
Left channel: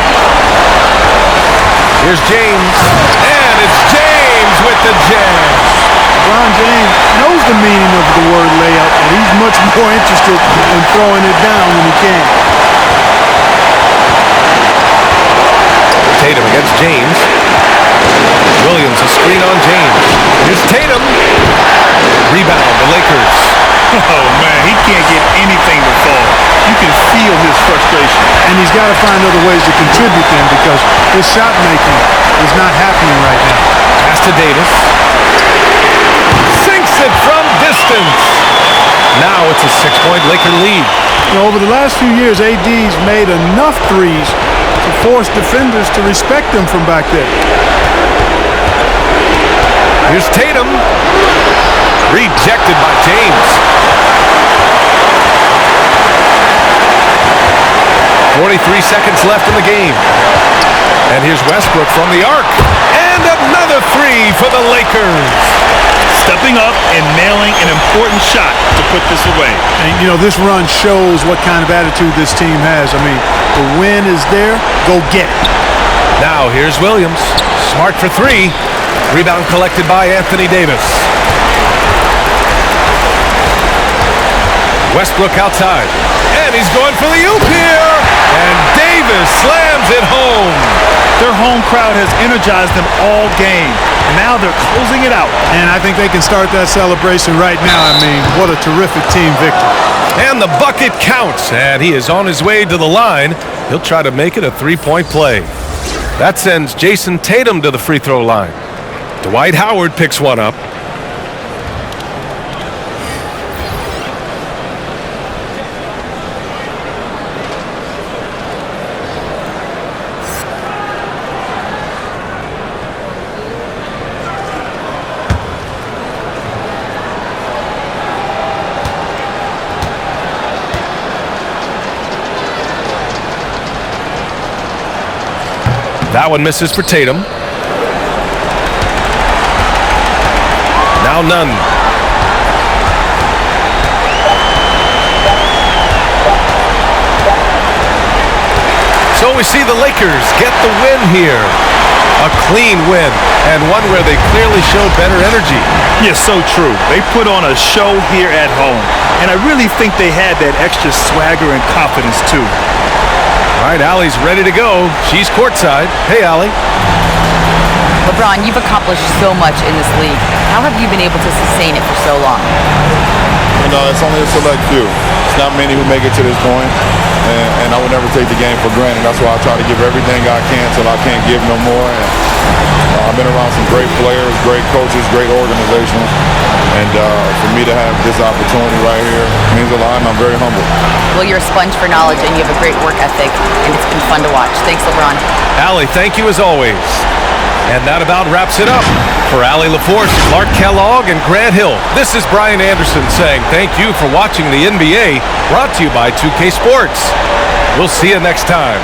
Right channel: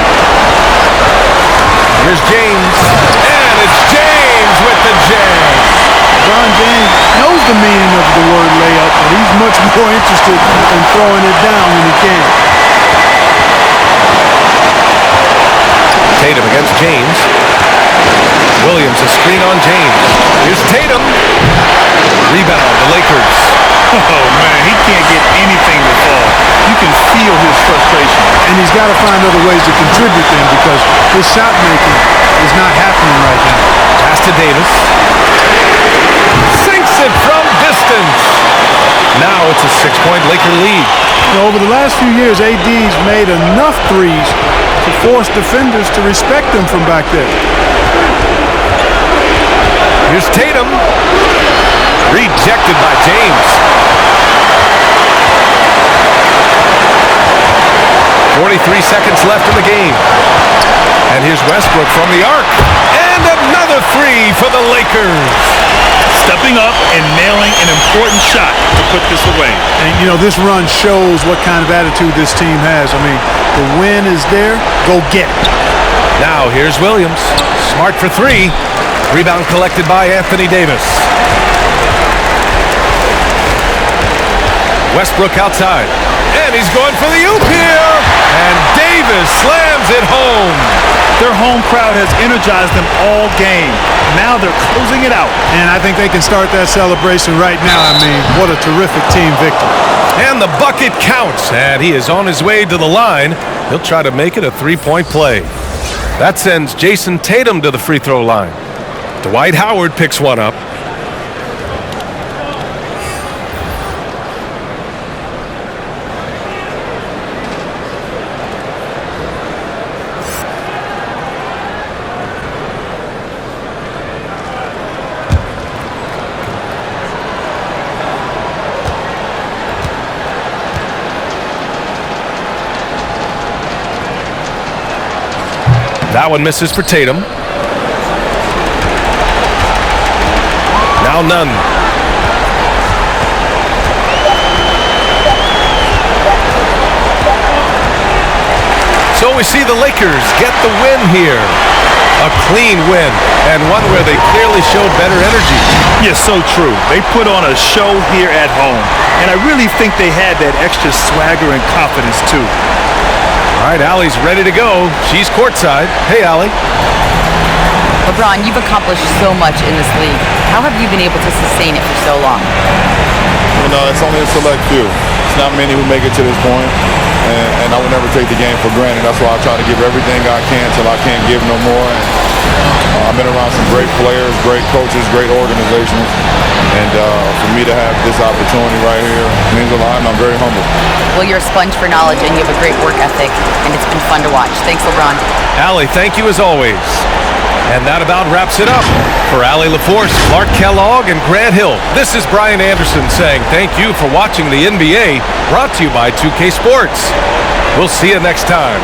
Here's James, and it's James with the jam. LeBron James knows the meaning of the word layup, but he's much more interested in throwing it down when he can. Tatum against James. Williams, a screen on James. Here's Tatum. Rebound, the Lakers. Oh, man, he can't get anything to fall. You can feel his frustration. And he's got to find other ways to contribute then because his shot making is not happening right now. Pass to Davis. Sinks it from distance. Now it's a 6-point Laker lead. You know, over the last few years, AD's made enough threes to force defenders to respect him from back there. Here's Tatum. Rejected by James. 43 seconds left in the game. And here's Westbrook from the arc. And another three for the Lakers. Stepping up and nailing an important shot to put this away. And, you know, this run shows what kind of attitude this team has. I mean, the win is there. Go get it. Now here's Williams. Smart for three. Rebound collected by Anthony Davis. Westbrook outside. And he's going for the oop here. And Davis slams it home. Their home crowd has energized them all game. Now they're closing it out. And I think they can start that celebration right now. I mean, what a terrific team victory. And the bucket counts. And he is on his way to the line. He'll try to make it a three-point play. That sends Jason Tatum to the free throw line. Dwight Howard picks one up. That one misses for Tatum. Now none. So we see the Lakers get the win here. A clean win, and one where they clearly showed better energy. Yes, so true. They put on a show here at home, and I really think they had that extra swagger and confidence too. All right, Allie's ready to go. She's courtside. Hey, Allie. LeBron, you've accomplished so much in this league. How have you been able to sustain it for so long? You know, it's only a select few. It's not many who make it to this point, and I would never take the game for granted. That's why I try to give everything I can till I can't give no more. And I've been around some great players, great coaches, great organizations, and for me to have this opportunity right here means a lot, and I'm very humble. Well, you're a sponge for knowledge, and you have a great work ethic, and it's been fun to watch. Thanks, LeBron. Allie, thank you as always. And that about wraps it up. For Allie LaForce, Clark Kellogg, and Grant Hill, this is Brian Anderson saying thank you for watching the NBA, brought to you by 2K Sports. We'll see you next time.